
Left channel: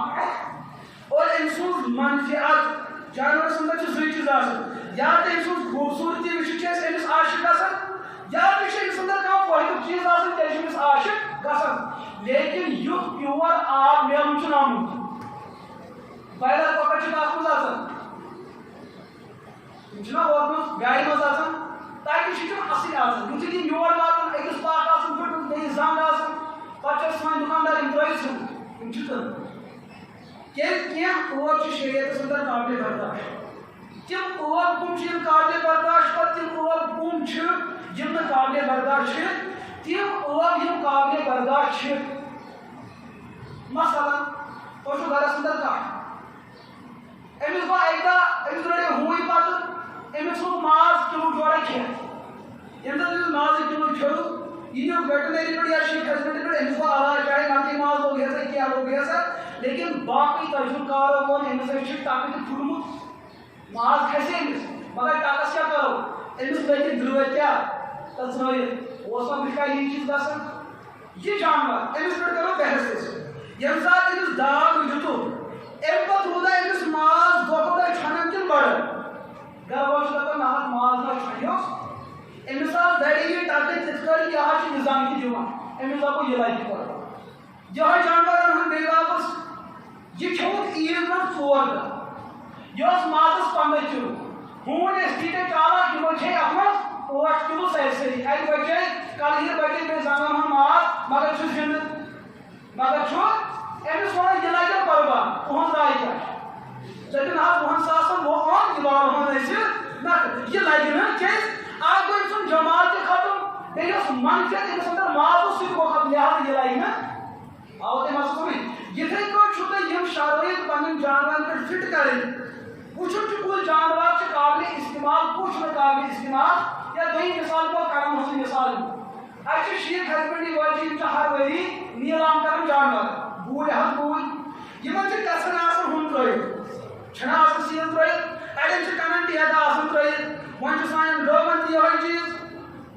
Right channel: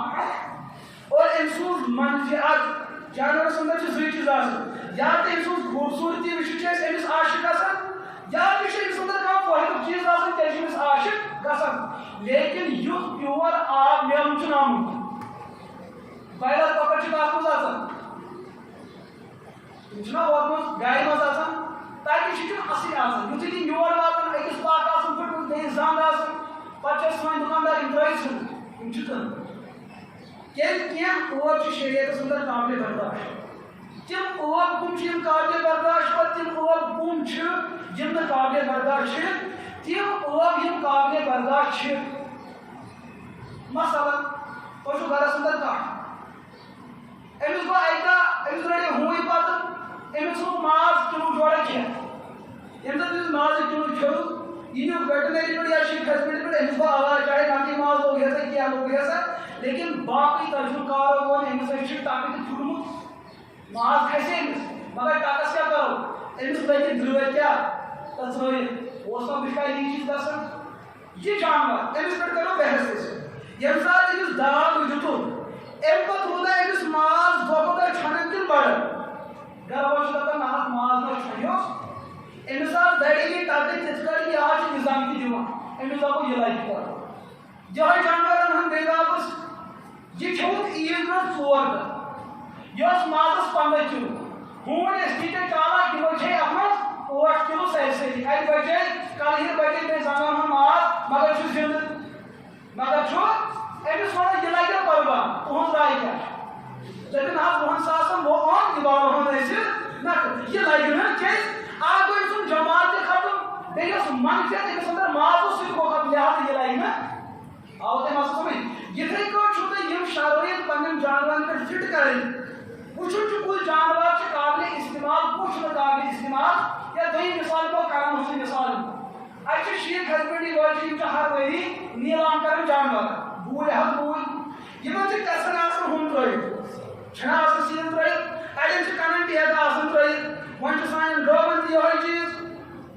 اور أمۍ سُنٛد منفعت جانورس اندر چھِ 2 چیٖز آسان یا تہِ أمۍ سٕنٛز خوٗبصوٗرتی وٕچھِتھ چھِ أسۍ أمِس عاشق گژھان یا تہِ چھُ أمِس اندر کانٛہہ فٲیدُک چیٖز آسان تیٚلہِ چھِ أمِس عاشق گژھان لیکن یُتھ پیور آب میوٕ چھُنہٕ آمُت بایلر کۄکر چھِ کتھ منٛز آسان تِم چھِنہ ووتمُت گاڑِ منٛز آسان تَتہِ چھِ تِم اَصٕلۍ آسان یُتھُے تِم یور واتان أکِس پاک آسان پھٕٹمٕژ بیٚیِس زنٛگ آسان پتہٕ چھِ سٲنۍ دُکاندار یِم ترٛٲیِتھ ژھٕنٕنۍ یِم چھِ کٕنٕنۍ کیٛازِ کینٛہہ ٲب چھِ شریعتس اندر قابلِ برداشت تِم ٲب کٕم چھِ یِم قابلِ برداشت پتہٕ تِم ٲب کٕم چھِ یِم نہٕ قابلِ برداشت چھِ تِم ٲب یِم قابلِ برداشت چھِ مثلاً تۄہہِ چھُو گرس اندر کٹھ أمِس گوٚو اکہِ دۄہ أمِس رٔٹۍ ہوٗنۍ پتہٕ أمِس ژھُن ماز کِلوٗ جورا کھٮ۪تھ ییٚمہِ دۄہ أمِس مازٕ کِلوٗ کھیوٚو یہِ نیوٗ ویٹنری پٮ۪ٹھ یا شیٖخ ہسبنڈری پٮ۪ٹھ أمِس گوٚو علاج چاہے نقلی ماز لوگ ہے سا کیٛاہ لوگ ہے سا لیکن باقٕے تجرُبہٕ کارو ووٚن أمِس ہے چھُ ٹکہٕ تہِ پھُٹمُت ماز کھسہِ أمِس مگر ٹکس کیٛاہ کرو أمس لگن درود کیا تسنویت اوسا مشکل یہ چیز گژھان یہ جانور أمس پٮ۪ٹھ کرو بحث أسۍ ییٚمہِ ساتہٕ أمس داغ دیُتُکھ أمۍ پتہٕ روٗدا أمس ماز دۄہ کھۄتہٕ دۄہ چھنان کِنہٕ بڑان گرٕ وول چھُ دپان نہ حظ ماز ما چھنیو أمس آس دَرِ یہِ ٹکرِ تِتھ کٲٹھۍ یہِ حظ چھُ نظام تہِ دِوان أمس دپو یہِ لگہِ کرُن یِہوے جانورن ہُنٛد بیٚیہِ واپس یہ کھیوٚوُکھ عیٖذ منٛز 4 دۄہ یہِ اوس مازس 15 کِلوٗ ہوٗنۍ ٲسۍ تیٖتیٛاہ چالاک یِمو کھے اتھ منٛز 8 کِلوٗ سٲرسٕے اَتہِ بچے کلہٕ بچے بیٚیہِ زنٛگن ہُنٛد ماز مگر چھُ زِنٛدٕ مگر چھُ أمِس وَنان یہِ لگیو قۄربان تُہنٛز راے کیٛاہ چھِ دٔپِن حظ 20 ساسن اوٚن یہِ والہون أسۍ نہ یہِ لگہِ نہٕ کیٛازِ اکھ گوٚو أمۍ سُنٛد جمال تہِ ختم بیٚیہِ یۄس منفیت أمِس انٛدر ماز اوس سُہ تہِ گوٚو ختم لہٰذا یہِ لگہِ نہٕ آو تۄہہِ مسلہٕ سمجھ یِتھٕے کٲٹھۍ چھُو تۄہہِ یِم شرٲیط پنٕنٮ۪ن جانورن پٮ۪ٹھ فٹ کرٕنۍ وٕچھُن چھُ کُس جانور چھُ قابلِ استعمال کُس چھُنہٕ قابلِ استعمال یا دوٚیِم مِثال دِمو کرن ہٕنٛزٕے مِثال اَتہِ چھِ شیٖپ ہسبنڈری وٲلۍ چھِ یِم چھِ ہر ؤری نیٖلام کران جانور بوٗلۍ حظ بوٗلۍ یِمن چھِ کسن آسان ہُم ترٲیِتھ چھِنہ آسان سیٖن ترٲیِتھ اڑٮ۪ن چھِ کنن ٹیٚہہ آسان ترٲیِتھ وۄنۍ چھُ سانٮ۪ن گٲون تہِ یِہوے چیٖز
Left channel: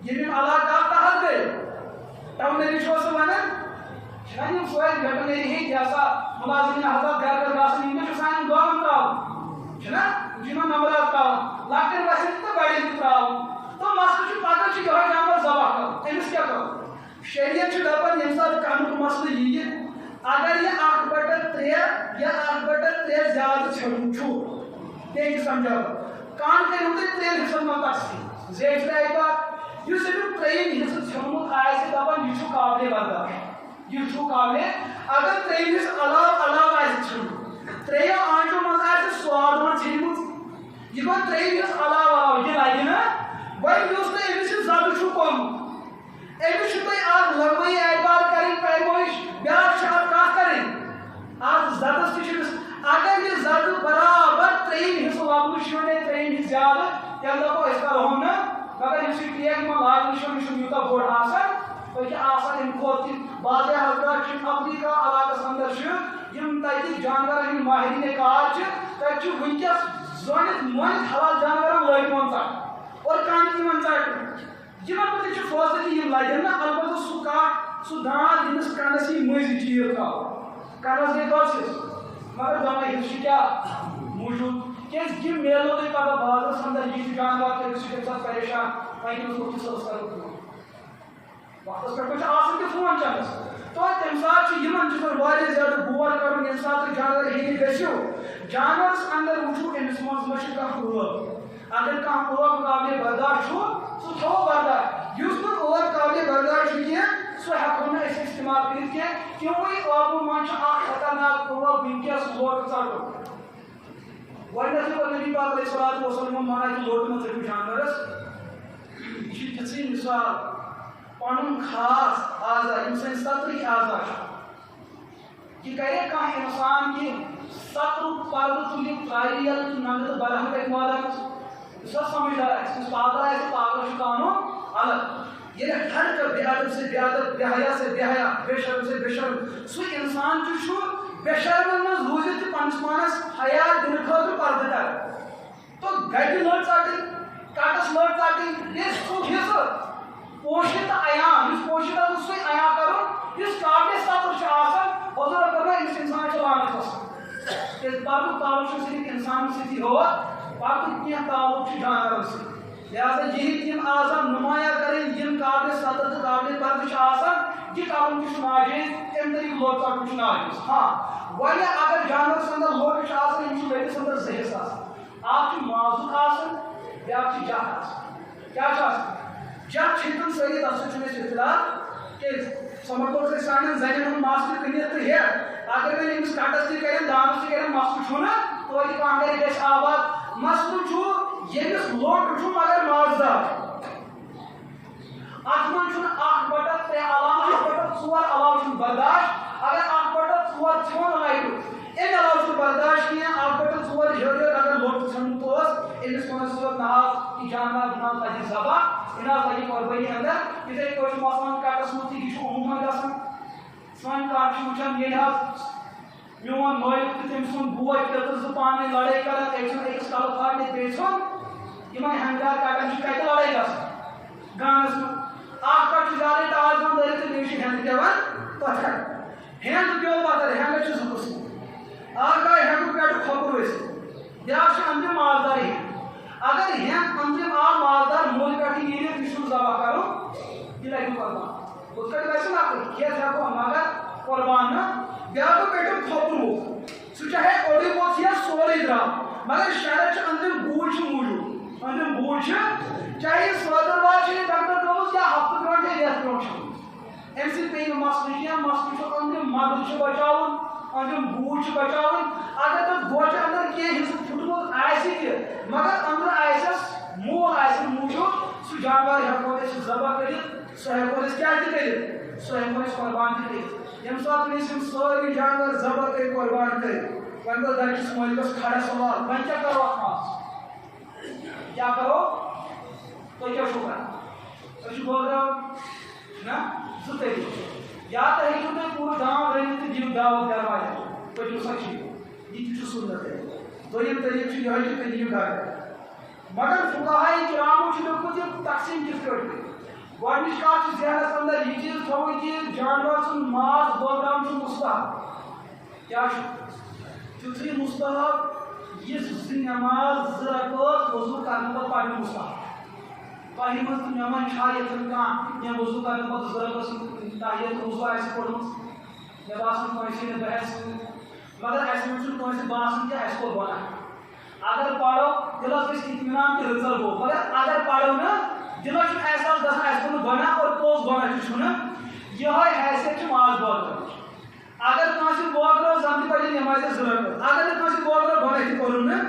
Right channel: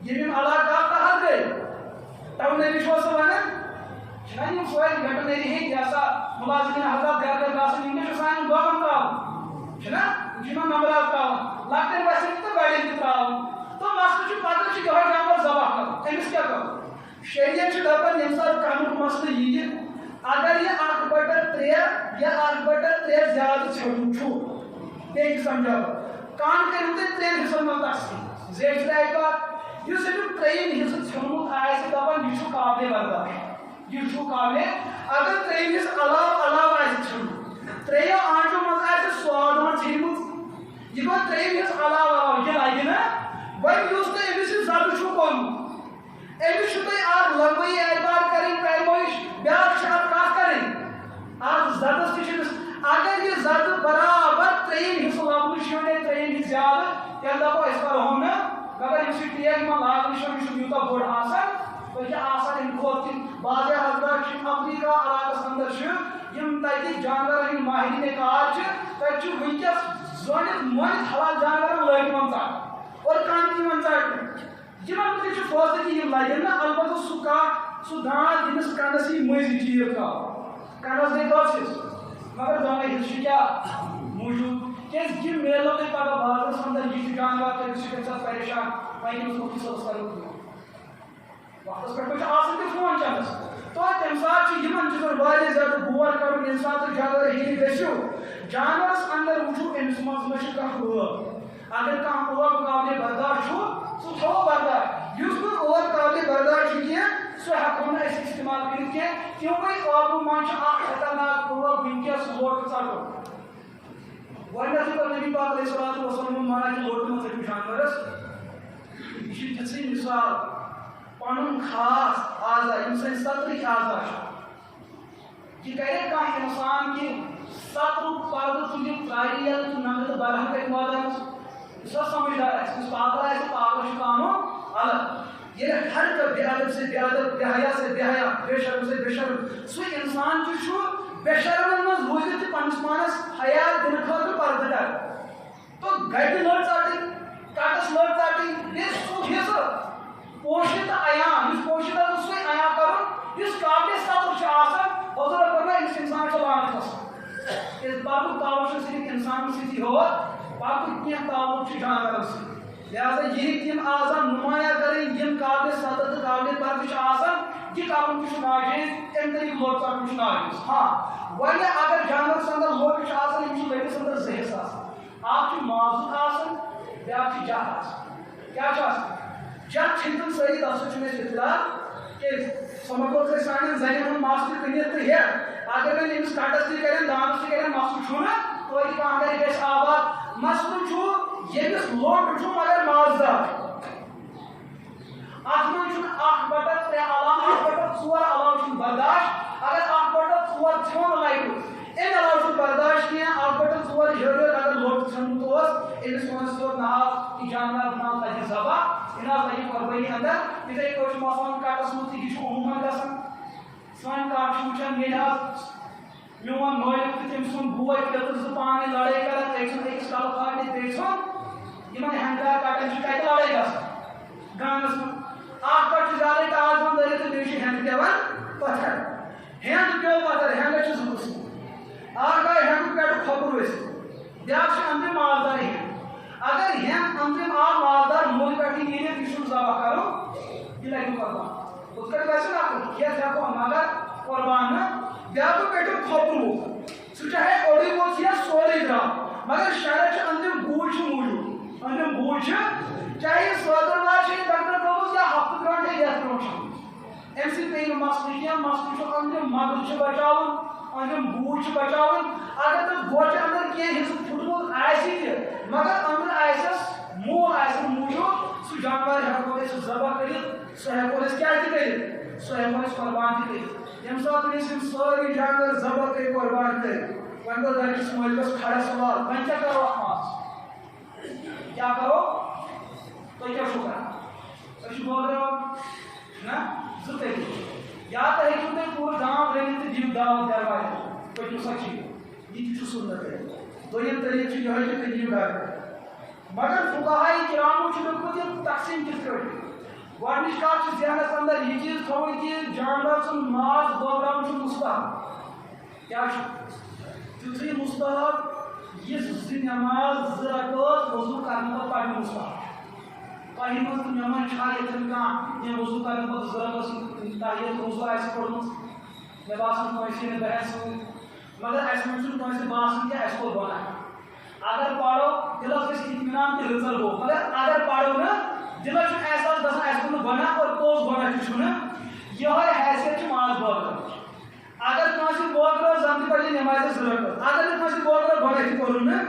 یِم علاقہٕ تحت گٔے ٹاونری چھُوا سُہ ونان چھِنہ یِم سٲری ویٹنری ہٕنٛدۍ یہِ ہسا مُلازِمین حضرات گرٕ گرٕ گژھان یِم چھِ سانٮ۪ن گٲون تراوان چھِنہ یِم چھِ یِمن نمبرات تراوان لۄکٹٮ۪ن بچن تہِ تہٕ بڑٮ۪ن تہِ تراوان تہٕ مسلہٕ چھُ پتہٕ چھُ یِہوے جانور ذبح کرُن أمِس کیٛاہ کرُن شریعت چھُ دپان ییٚمہِ ساتہٕ کَنُک مسلہٕ یِیہِ اگر یہ 1/3 یا 1/3 زیادٕ ژھیوٚٹُن چھُ بیٚیہِ چھُ سمجھاو کن کٔرِو تُہۍ 3 حِصن منٛز تقسیٖم زیچھِ لایہِ پتہٕ یُس أمیُک 3یِم حِصہٕ ژھیوٚنمُت آسہِ دپان یہِ چھُ قابلِ برداش یہِ چھُ قابلِ اگر 3یِمِس علاوٕ آسہِ ژھیوٚنمُت 3 آنٛٹو منٛز آسہِ سوادوٗن ژھیٚنمُت یہِ گوٚو 3یِم حِصہٕ علاوٕ یہِ لگہِ نہٕ وۄنۍ یُس تۄہہِ أمِس یہِ ذبح چھُو کوٚرمُت أمِس چھُ تۄہہِ اکھ لغوی اعتبار کرٕنۍ پیمٲیش بیٛاکھ چھِ اکھ کتھ کرٕنۍ اکھ زدس تہِ چھِ أمِس اگر یہِ زدٕ برابر 3یِم حِصہٕ لبنہٕ چھُ یا 3یِم حِصہٕ زیادٕ تیٚلہِ دپو أسۍ کرہون نہٕ مگر یُس یہِ ٹیگ یِمن لاگنہٕ چھُ یہِ چھُنہٕ یوٗتاہ بوٚڑ آسان تۄہہِ چھِ آسان اَمہِ کھۄتہٕ تہِ بعضے حضرات چھِ افریقہ علاقس انٛدر چھِ یِم تتہِ جانورن ہٕنٛدۍ ماہرینہِ کار چھِ تتہِ چھُ وٕنکیٚس زٲنِتھ مٲنِتھ حلال جانورن لٲگۍمٕژ ژٹ اور کانہِ تہِ یِوان ژٹنہٕ یِمن تہِ چھُ فٲصلہٕ یِم لگن نہٕ البتہ سُہ کٹھ سُہ دانٛد ییٚمِس کنس یی مٔنٛزۍ چیٖر تراوُن کنس گٔے کٔژ حِصہٕ مگر دۄنوے حِصہٕ چھِ کیٛاہ موٗجوٗد کیٛازِ یہِ میلو تۄہہِ پگاہ بازرس انٛدر یہِ چھُ جانور تٔمِس چھُ گژھان پریشان وۄنۍ کٔمِس مُفتی صٲبس کرو فون وقتس پٮ۪ٹھ چھُ آسان تہِ فون چندس تو تمہِ ساتہٕ چھُ یِمن چیٖزن واریاہ زیادٕ غور کرُن ییٚمہِ ساتہٕ تُہۍ جانور ہیٚنہِ گٔژھِو جانورس انٛدر وٕچھو أمِس منٛز ما چھُ کانٛہہ ٲب اگر کانٛہہ ٲب قابلِ برداش چھُ سُہ تھوٚو برداش یُس نہٕ ٲب قابلِ برداش چھُ کینٛہہ سُہ ہٮ۪کو نہٕ أسۍ استعمال کٔرِتھ کینٛہہ تِموٕے ٲبو منٛز چھُ اکھ خطرناک ٲب وٕنکیٚس لوٹہٕ ژٹُن گۄڈٕنیتھٕے کوٚر نبی پاک علیہ الصلوۃ والسلام منا کہِ لوٹہٕ مہ ژٔٹِو جانورس یہِ چھِ تِژھٕے مِثال پنُن خاص اعضا یِم سٲنۍ سطرٕکۍ اعضا چھِ یہِ کرِ کانٛہہ اِنسان کہِ سطرُک پردٕ تُلہِ ترٛاوِ یَلہٕ تہٕ ننٛگہٕ تہٕ بلہٕ کَرِ مٲدانس یُس حظ سمجھدار آسہِ یُس پاگل آسہِ پاگلس چھُ قانوٗن الگ ییٚلہِ ہر کانٛہہ بے ادب سے بے ادب بے حیا سے بے حیا بے شرم سے بے شرم سُہ اِنسان تہِ چھُ بے شرمن منٛز روٗزِتھ تہِ پننِس پانس حیا دِنہٕ خٲطرٕ پردٕ کرِ تو گٹہِ لٔٹ ژٹٕنۍ کٹس لٔٹ ژٹٕنۍ ییٚلہِ سُہ حِصہٕ پوشِت تہٕ عیان یُس پوشِت آسان سُے عیان کرُن یُس قابلِ سطر چھُ آسان حضوٗرن فرماے أمِس اِنسانس چھِ لعنت آسان کیٛازِ پردُک تعلُق چھُ صرف انسانن سۭتی یوت پردُک کینٛہہ تعلُق چھُ جانورن سۭتۍ لہٰذا یہِ ہیٚکہِ تِم اعضا نُمایاں کَرٕنۍ یِم قابلِ سطر تہٕ قابلِ پردٕ چھِ آسان یہِ کرُن تہِ چھُ ناجٲیز اَمہِ طریٖقہٕ لوٹ ژٹُن چھُ ناجٲیز ہاں وۄنۍ اگر جانورس انٛدر لوٹہٕ چھُ آسان یِم چھِ لٔٹِس انٛدر 2 حِصہٕ آسان اکھ چھُ مازُک آسان بیٛاکھ چھُ جَتھ آسان کیٛاہ چھُ آسان جَتھ چھِنہٕ سٲری تَتھ سۭتۍ چھُنہٕ اَسہِ اِختِلاف کیٛازِ سۄ مۄکلوو أسۍ سانٮ۪ن زنٮ۪ن ہُنٛد مَس تہِ کٕنِتھ تہٕ ہٮ۪تھ اگر وۄنۍ أمِس کَٹس تہِ کَرن دانس تہِ کَرن مسلہٕ چھُنہٕ توتہِ کانٛگرِ گژھِ آباد مسلہٕ چھُ ییٚمِس لوٹہٕ چھُ مگر مازدار اتھ منٛز چھُنہٕ 1/3 علاوٕ 1/4 علاوٕ چھُنہٕ برداشت اگر 1/4 ژھیوٚن لگہِ امہِ علاوٕ چھُنہٕ برداشت کینٛہہ 1/4 ہیوٚر اگر لوٹہٕ ژھیوٚنمُت اوس أمِس ووٚنُس صٲب نہ حظ یہِ جانور دِوان لگہِ ذبح یہِ نہ حظ لگہِ قۄربٲنی انٛدر یِتھٕے پٲٹھۍ چھُ مثلاً کٹس منٛز تہِ یہِ چھُ عموٗمن گژھان سٲنۍ کَٹھ چھُ وٕچھان ییٚلہِ حظ میون مٲلِک تہٕ تٔمۍ سُنٛد بوے پیٚتٕر زٕ پانہٕ ؤنۍ لڑٲے کران أکۍ ژھُن أکِس کلہٕ پھاٹنہِ بیٚیہِ ژھُن یمن ہنگار کٹن کتہ لڑائی گژھان گامس من اخ کٹ زیادہ ٹاس بند دٔرِتھ تہٕ بیٚیہِ چھُ ہیٚنٛد پیٚوان پتھر ہیٚنٛد پیٚو پتھر ہیٚنٛدس چھِ زٕ قٕسم اکھ آے ہیٚنٛدُک پٮ۪ٹھٕ کھۄپُر ؤسِتھ بیٛاکھ چھُ أنٛدرِم مازدار ہیٚنٛد اگر ہیٚنٛد أنٛدرِم آو مازدار موٚل پٮ۪ٹھٕ نیٖرِتھ یہِ چھُنہٕ ذبح کرُن یہِ لگہِ قۄربان ہُتھ کٲٹھۍ گژھِ نہ کھٮ۪تھ ہٮ۪کو مگر قۄربان نہٕ بیٛاکھ پٮ۪ٹھٕ کھۄپُر ووٚتھ سُہ چاہے اوٚڑُے ووٚتھ یا سورُے درٛاو مگر شرط چھُ أنٛدرِم گوٗج چھُ موٗجوٗد أنٛدرِم گوٗج چھِ چاہے یہِ سٲدٕروار چھِ ڈاکٹر تھٲومٕژ یا ہفتہٕ برونٛٹھ یا رٮ۪تھ برونٛٹھ چھِ اَمہِ سۭتۍ پیٚیہِ نہٕ مسلہٕ کینٛہہ مسلہٕ چھُ أنٛدرِم مغز چھُ بچاوُن أنٛدرِم گوٗج چھُ بچاوُن اگر تَتھ گوجہِ اندر کینٛہہ حِصہٕ پھُٹمُت آسہِ تہِ مگر أنٛدرٕ آسٮ۪س مول آسٮ۪س موٗجوٗد سُہ جانور ہٮ۪کو أسۍ ذبح کٔرِتھ سُہ ہٮ۪کو أسۍ کیٛاہ تہِ کٔرِتھ سُہ ہٮ۪کو أسۍ قۄربان تہِ کٔرِتھ ییٚمہِ ساتہٕ أسۍ یِم سٲری جانور ذبح کٔرۍ قۄربان کٔرۍ وۄنۍ گوٚو گرِکِس مٲلکَس کھڑا سوال وۄنۍ کیٛاہ کرو اَتھ منٛز کیٛاہ کرو تُہۍ کیٛاہ چھِو کران أسۍ چھِ بٲگراوان نہ زٕ طریٖقہٕ یا تہِ ہیٚکِو تُہۍ پوٗرٕ گام رٔنِتھ تہٕ دِیِو دعوت درواز پٔکِو سا کھیٚیِو یہِ تہِ چھُ سُنت دوٚیِم طریٖقہٕ چھُ یِہوٚے کہِ تُہۍ نِیِو گرٕ مگر فقہاء کرامو چھُ لیوٚکھمُت یہِ تقسیٖم کِتھ کٲٹھۍ گۄڈنِچ کتھ چھِ ذہنس اندر یہِ چیٖز تھاوُن کہِ جانور سُنٛد ماز بٲگراوُن چھُ مُستحب کیٛاہ چھُ تیُتھُے مُستحب یِژھ زٕ نٮ۪ماز زٕ رکٲژ وضوٗ کرنہٕ پتہٕ پرنہِ مُستحب تۄہہِ منٛز تہٕ مےٚ منٛز چھا ییٚتٮ۪ن کانٛہہ کینٛہہ وضوٗ کرنہٕ پتہٕ زٕ رکٲژ تحیت وضوٗ آسہِ پوٚرمُت مےٚ باسان کٲنٛسے نہٕ بہٕ ہٮ۪کہٕ سۭتۍ مگر اَسہِ منٛز چھُنہٕ کٲنٛسہِ باسان کہِ اَسہِ کوٚر گۄناہ اگر پرو دِلس گژھِ اطمینان کہِ رٕژر گوٚو مگر اگر پرو نہٕ دِلس چھُنہٕ احساس گژھان اَسہِ کوٚر نہٕ گۄناہ اور پوٚز گۄناہ تہِ چھُنہٕ یِہوٚے حیثیت چھِ ماز بٲگراوٕچ اگر کٲنٛسہِ بٲگرٲو زن تہِ پرِ نٮ۪مازِ زٕ رکٲژ اگر نہٕ کٲنٛسہِ بٲگرٲو گۄناہ تہِ کوٚرُن نہٕ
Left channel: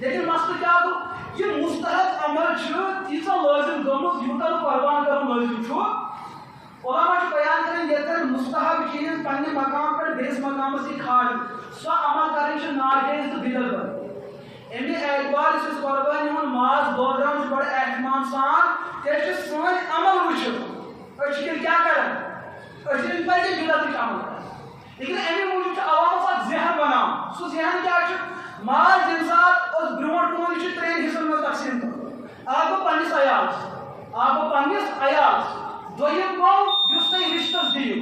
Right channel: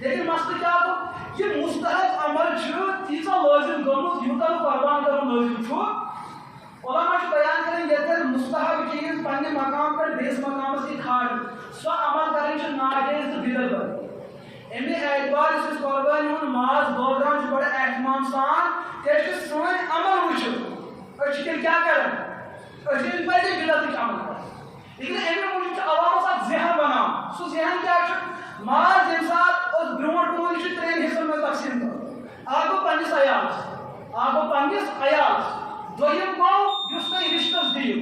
لیکن مسلہٕ کیٛاہ گوٚو یہِ مُستحب عمل چھُ تیٖژاہ لٲزِم گٔمٕژ یوٗتاہ نہٕ قۄربان کرُن لٲزِم چھُ علما چھُ بیان کران ییٚتٮ۪ن مُستحب چیٖز پننہِ مقام پٮ۪ٹھ بیٚیِس مقامس یی کھالنہٕ سۄ عمل کرٕنۍ چھِ ناجٲیز تہٕ بِدعت کرٕنۍ اَمہِ اعتبار یُس أسۍ قۄربٲنی ہُنٛد ماز بٲگراوان چھِ بڑٕ احتمام سان کیٛازِ سٲنۍ عمل وٕچھِتھ أسۍ چھِ تیٚلہِ کیٛاہ کران أسۍ چھِ پزِ بِدعتٕچ عمل کران لیکن اَمہِ موٗجوٗب چھُ عوامس اکھ ذہن بناوُن سُہ ذہن کیٛاہ چھُ ماز ییٚمہِ ساتہٕ أسۍ برونٛٹھ کُن یہِ چھُ ترٛٮ۪ن حِصن منٛز تقسیٖم کرُن اکھ گوٚو پننِس عیالس دوٚیِم گوٚو یُس تُہۍ رِشتس دِیِو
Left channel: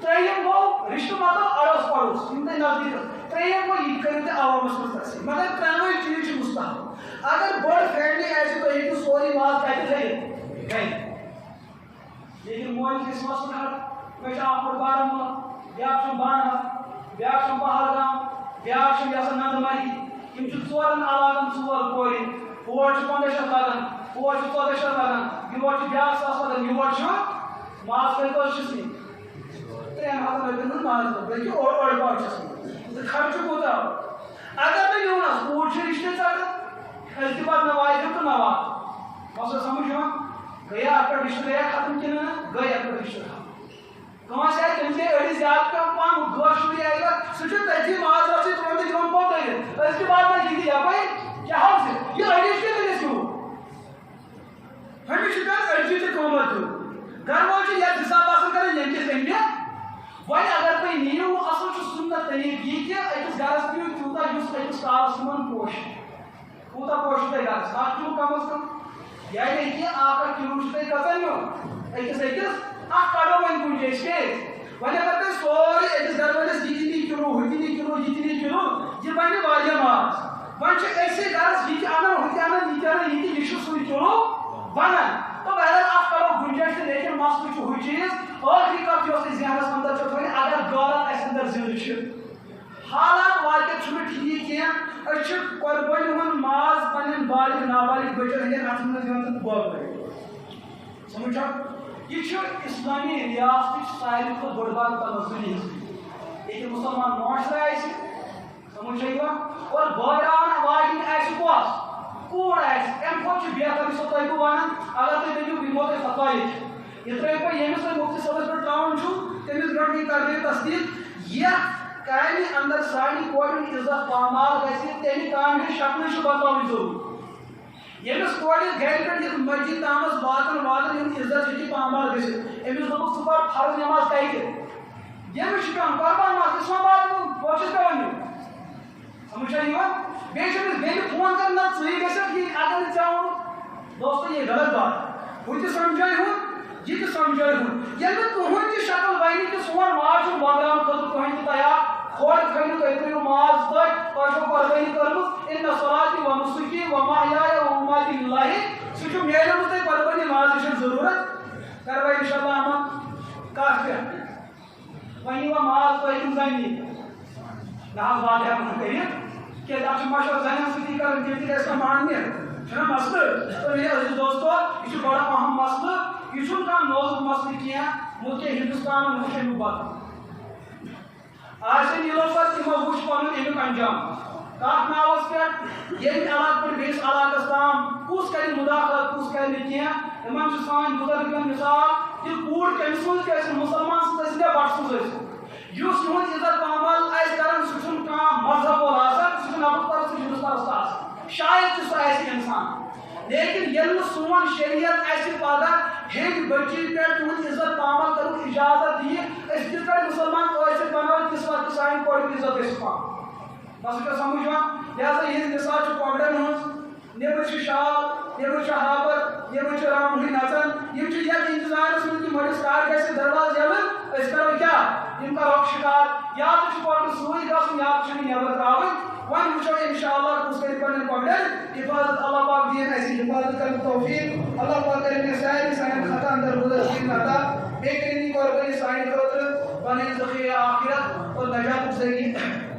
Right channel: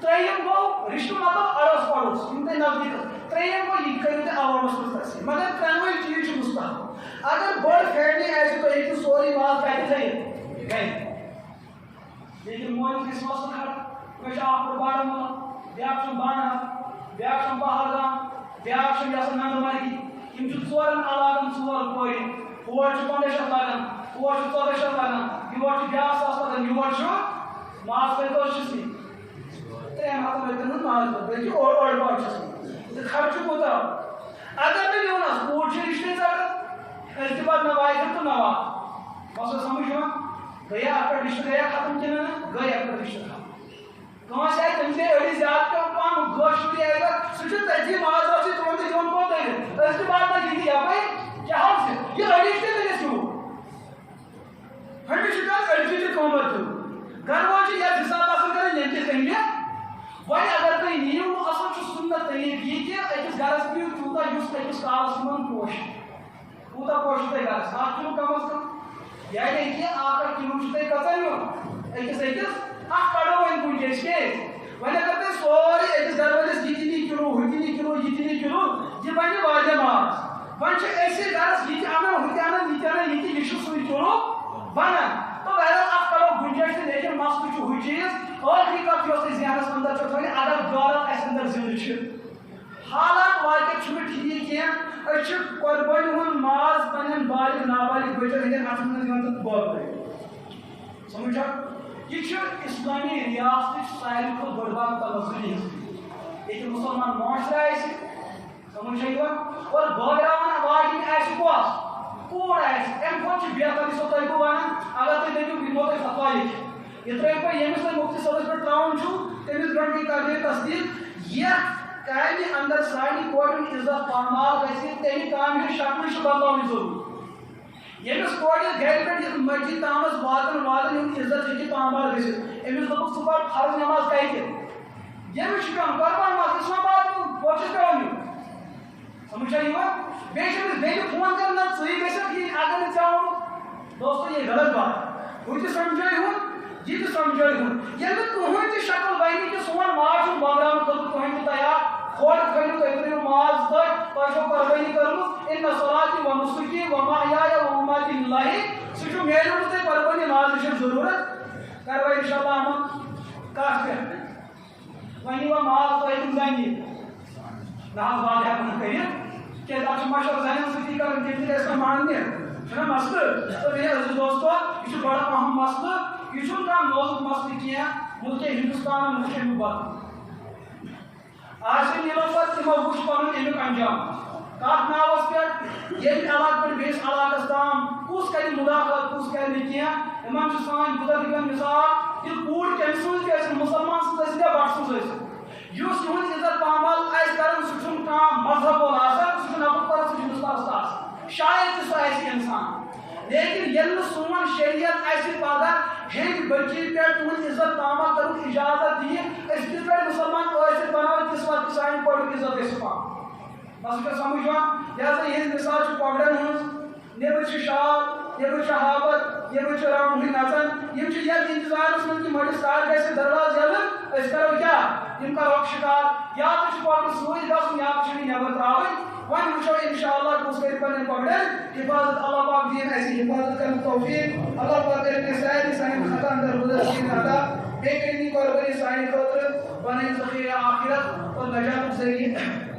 ترٛیٚیِم گوٚو رِشتہٕ مطلب اڑوس پڑوس یِم تۄہہِ نزدیٖک ترٛیٚیِم گوٚو یہِ کٔرِو تُہۍ عوامس منٛز تقسیٖم مگر ترٛٮ۪نوَے چیٖز چھِ مُستحب اگر بٔڑ فیملی آسہِ تُہۍ ہیٚکِو سورُے ماز کتہِ تھٲیِتھ گرِ لیکن مٲلِس گژھِ مسلہٕ کھڑا مےٚ چھُ اکھ بوٚڑ بارہمولہ بیٛاکھ چھُم بانہال بیٛاکھ چھُم پہلگام بیٛاکھ چھُم یَسن ننٛدمرگہِ یِم چھِ ژورن علاقن ژور کورِ ہور چھُ 1500 لگان ہور چھُ 1400 لگان یور چھُ بیٛاکھ 1000 لگان یور چھُ ماز کٔژ چھُس نِنۍ 3 ہتن رۄپین ہُنٛد ماز بلکہِ اوٚڑ پاو چھُس نِنۍ تہٕ خرچہٕ کوٗتاہ اگر نہٕ نیوٗن حظ کوٗر چھِ رِشتہٕ ژٹان أسۍ تہِ پتہٕ مےٚ واتہِ تہٕ مےٚ وات مسلہٕ سمجھ یِوان گٔیا اَتھ پٮ۪ٹھ رِشتہٕ گٔیا ختم کِنہٕ نہٕ گٔے اَتھ پٮ۪ٹھ رِشتہٕ ختم کٲنٛسہِ آسہِ تٔمِس گٔے أڑِس زیادٕ پہم گٲڑ شُرۍ آسہِ سُہ چھُ تٔتھی مازرسٕے تُلان تہٕ دِوان پوٚت دٔرِتھ أسۍ تہِ واتان یہِ یپٲرۍ کیٛاہ حظ چھِ یہِ أڑِس تہِ کٔرِتھ چھُو ہُمِس چھُ پیٚوان أڑجہِ تہِ قۭمتھ دیُن گرٕ وول چھُ یتھ حِساب آسان کران ییٚمہِ کِس تَمہِ وۄنۍ اگر تُہۍ نِیِو اصل چھُ سُنت طریٖقہٕ یہِ کہِ أکِس گرس دِیِو تیوٗتاہ یُس أکِس کالس منٛز پوشہِ کوٗتاہ پوشہِ تۄہہِ گرس 1 کِلوٗ کم از کم یعنی کہِ 1 کِلوٗ چھُ تۄہہِ کٔژن نیُن أکِس اکھ کڑو وۄنۍ کُنہِ جایہِ کیٛازِ وۄنۍ اگر تۄہہِ سورُے أکِس گرٕ وٲلِس یہِ تہِ نی کِلوٗ ہُہ تہِ نی کِلوٗ یہِ تہِ نی کِلوٗ یہِ بنہِ واریاہ ماز وۄنۍ چھِ أسۍ گرس یہِ تہِ اَنان ہُہ تہِ اَنان یہِ تہِ اَنان یہِ تہِ یہِ چھُ سُے کِلوٗ بنان تہٕ بہرحال اکھ کڑو گُنجٲیش تہٕ لیکن مسلہٕ چھُ ہُہ چیٖز ٲخری کتھ یۄس تۄہہِ ذہنس اندر چھو تھاوٕنۍ اگر غٲرت اسہِ اندر زِندٕ چھِ حالات واقعیت چھُنہٕ ٹھیٖک کینٛہہ أسۍ چھِ قۄربٲنی ہُنٛد ماز پننٮ۪ن بالغ نابالغ بچن ہٕنٛدٮ۪ن اتھن منٛز دِوان تہٕ بٲگرٲوِتھ سمجھ چھا یہِ چھُ اسلٲمی ریاستٕچ ساروی کھۄتہٕ بٔڑ بار تنزلی ہٕنٛز ییٚتہِ مُسلمان معاشرٕ آسہِ سمجھ چھا یِوان اور بٲگراوان واجِنۍ آسہِ کۄس کوٗر آسہِ اَمہِ کھۄتہٕ چھُ بہتر یُس تۄہہِ بہٕ ونان اگر تُہۍ دٔپِو بہٕ دِمو تۄہہِ فتوا لیکھِتھ یہِ ترٛٲیِو تُہۍ ییٚمِس تۄہہِ مُفتی صٲبس پٮ۪ٹھ ترٛاوُن چھُو تٔمِس برونٛٹھ کرنٲیِو تصدیٖق یتھ کامہِ اندر سانہِ کورِ ہُنٛد عزت پامال گژھِ تمہِ کامہِ ہٕنٛز شکلٕے چھِ بدلاوٕنۍ ضروٗری ییٚمِس کورِ گرِ پٮ۪ٹھ یتھ مسجد تامس واتن یِہُنٛد عزت ہیٚکہِ پامال گٔژھِتھ أمِس دوٚپُکھ ژٕ پر فرض نٮ۪ماز کتہِ ییٚمِس چھُ پیٚوان قۄربان ماز اسلام آباد پوٚت چھُس پیٚوان نیُن سمجھ چھا یِوان بیٹے فون کرنا سی گھر اگر نا دوستو یہ غلط بات وہ سمجھائے ہوں یہ سمجھائے ہوں یل تہذ تہ شکل بنی کہ سون ماز بغران خطر کہیں تہ تیار کھوڑ کھنو تھی ترو ماز پہ تہ قربانی کرمت ان صلاتی و نسکی و محیای و مماتی للہ سہ میلمت تھی قربانی ماز ضرورت کرو انشاءاللہ ہم کت پہ ونی و ماز تہ زنی نہ بات ہیکن کر کہ اب مشور زنین سی کرن تم تہ گھس ماننے چھنا مسئلہ تو میرے عزیز دوستو یہ بڑا اہم مسئلہ یہ چھن کم نوزک مسئلہ کیا ملک ہندوستان ملک مبارک آج نیلو پر تمو وچ پنن امیک انجام کت ناوس پہ یم علاقہ پہ بیس علاقس تام کس کر مداخلت کس کر کی ان سان بزرگن مثال کہ کوڑ کم سن مسلمان سن بٹ سن اس تہذ عزت پامل کران سہ مذہب وول آسان سہ نبت پر ہندوستان آسان شاید سہ انسان لیکن یل سون شریعت پگہ ہیٚکہِ بچی پہ تہذ عزت پامل کر اجازت دی کت پہ مسلمان قٲصر بناو کس وقت سان کورک عزت پام بس کیا سمجھان لہذا یہ مثال کۄکرن ہٕنٛز نیبر شال نیبر ہاپت نیبر رام ہوئی نژان یتھ انتظارس من کہ مڑس کار گھِ درواز یلن کرو کیا کرو شکار یا تو کۄکر سۭتۍ گژھُن یا تو نیبر تراوٕنۍ وۄنۍ وٕچھو انشاءاللہ کُس کرِ پنٕنۍ کۄکرن حفاظت اللہ پاک دین اَسہِ حفاظت کرن توفیق اللہ پاک کرن مےٚ سارنٕے سانٮ۪ن خطاہن درگُزر رٔسیٖد عطا بیٚیہِ کٔرِنۍ یہِ قۄربٲنی سانہِ خٲطرٕ پنٕنۍ ذخیرِ آخرت اور نجاتُک ذٔریعہٕ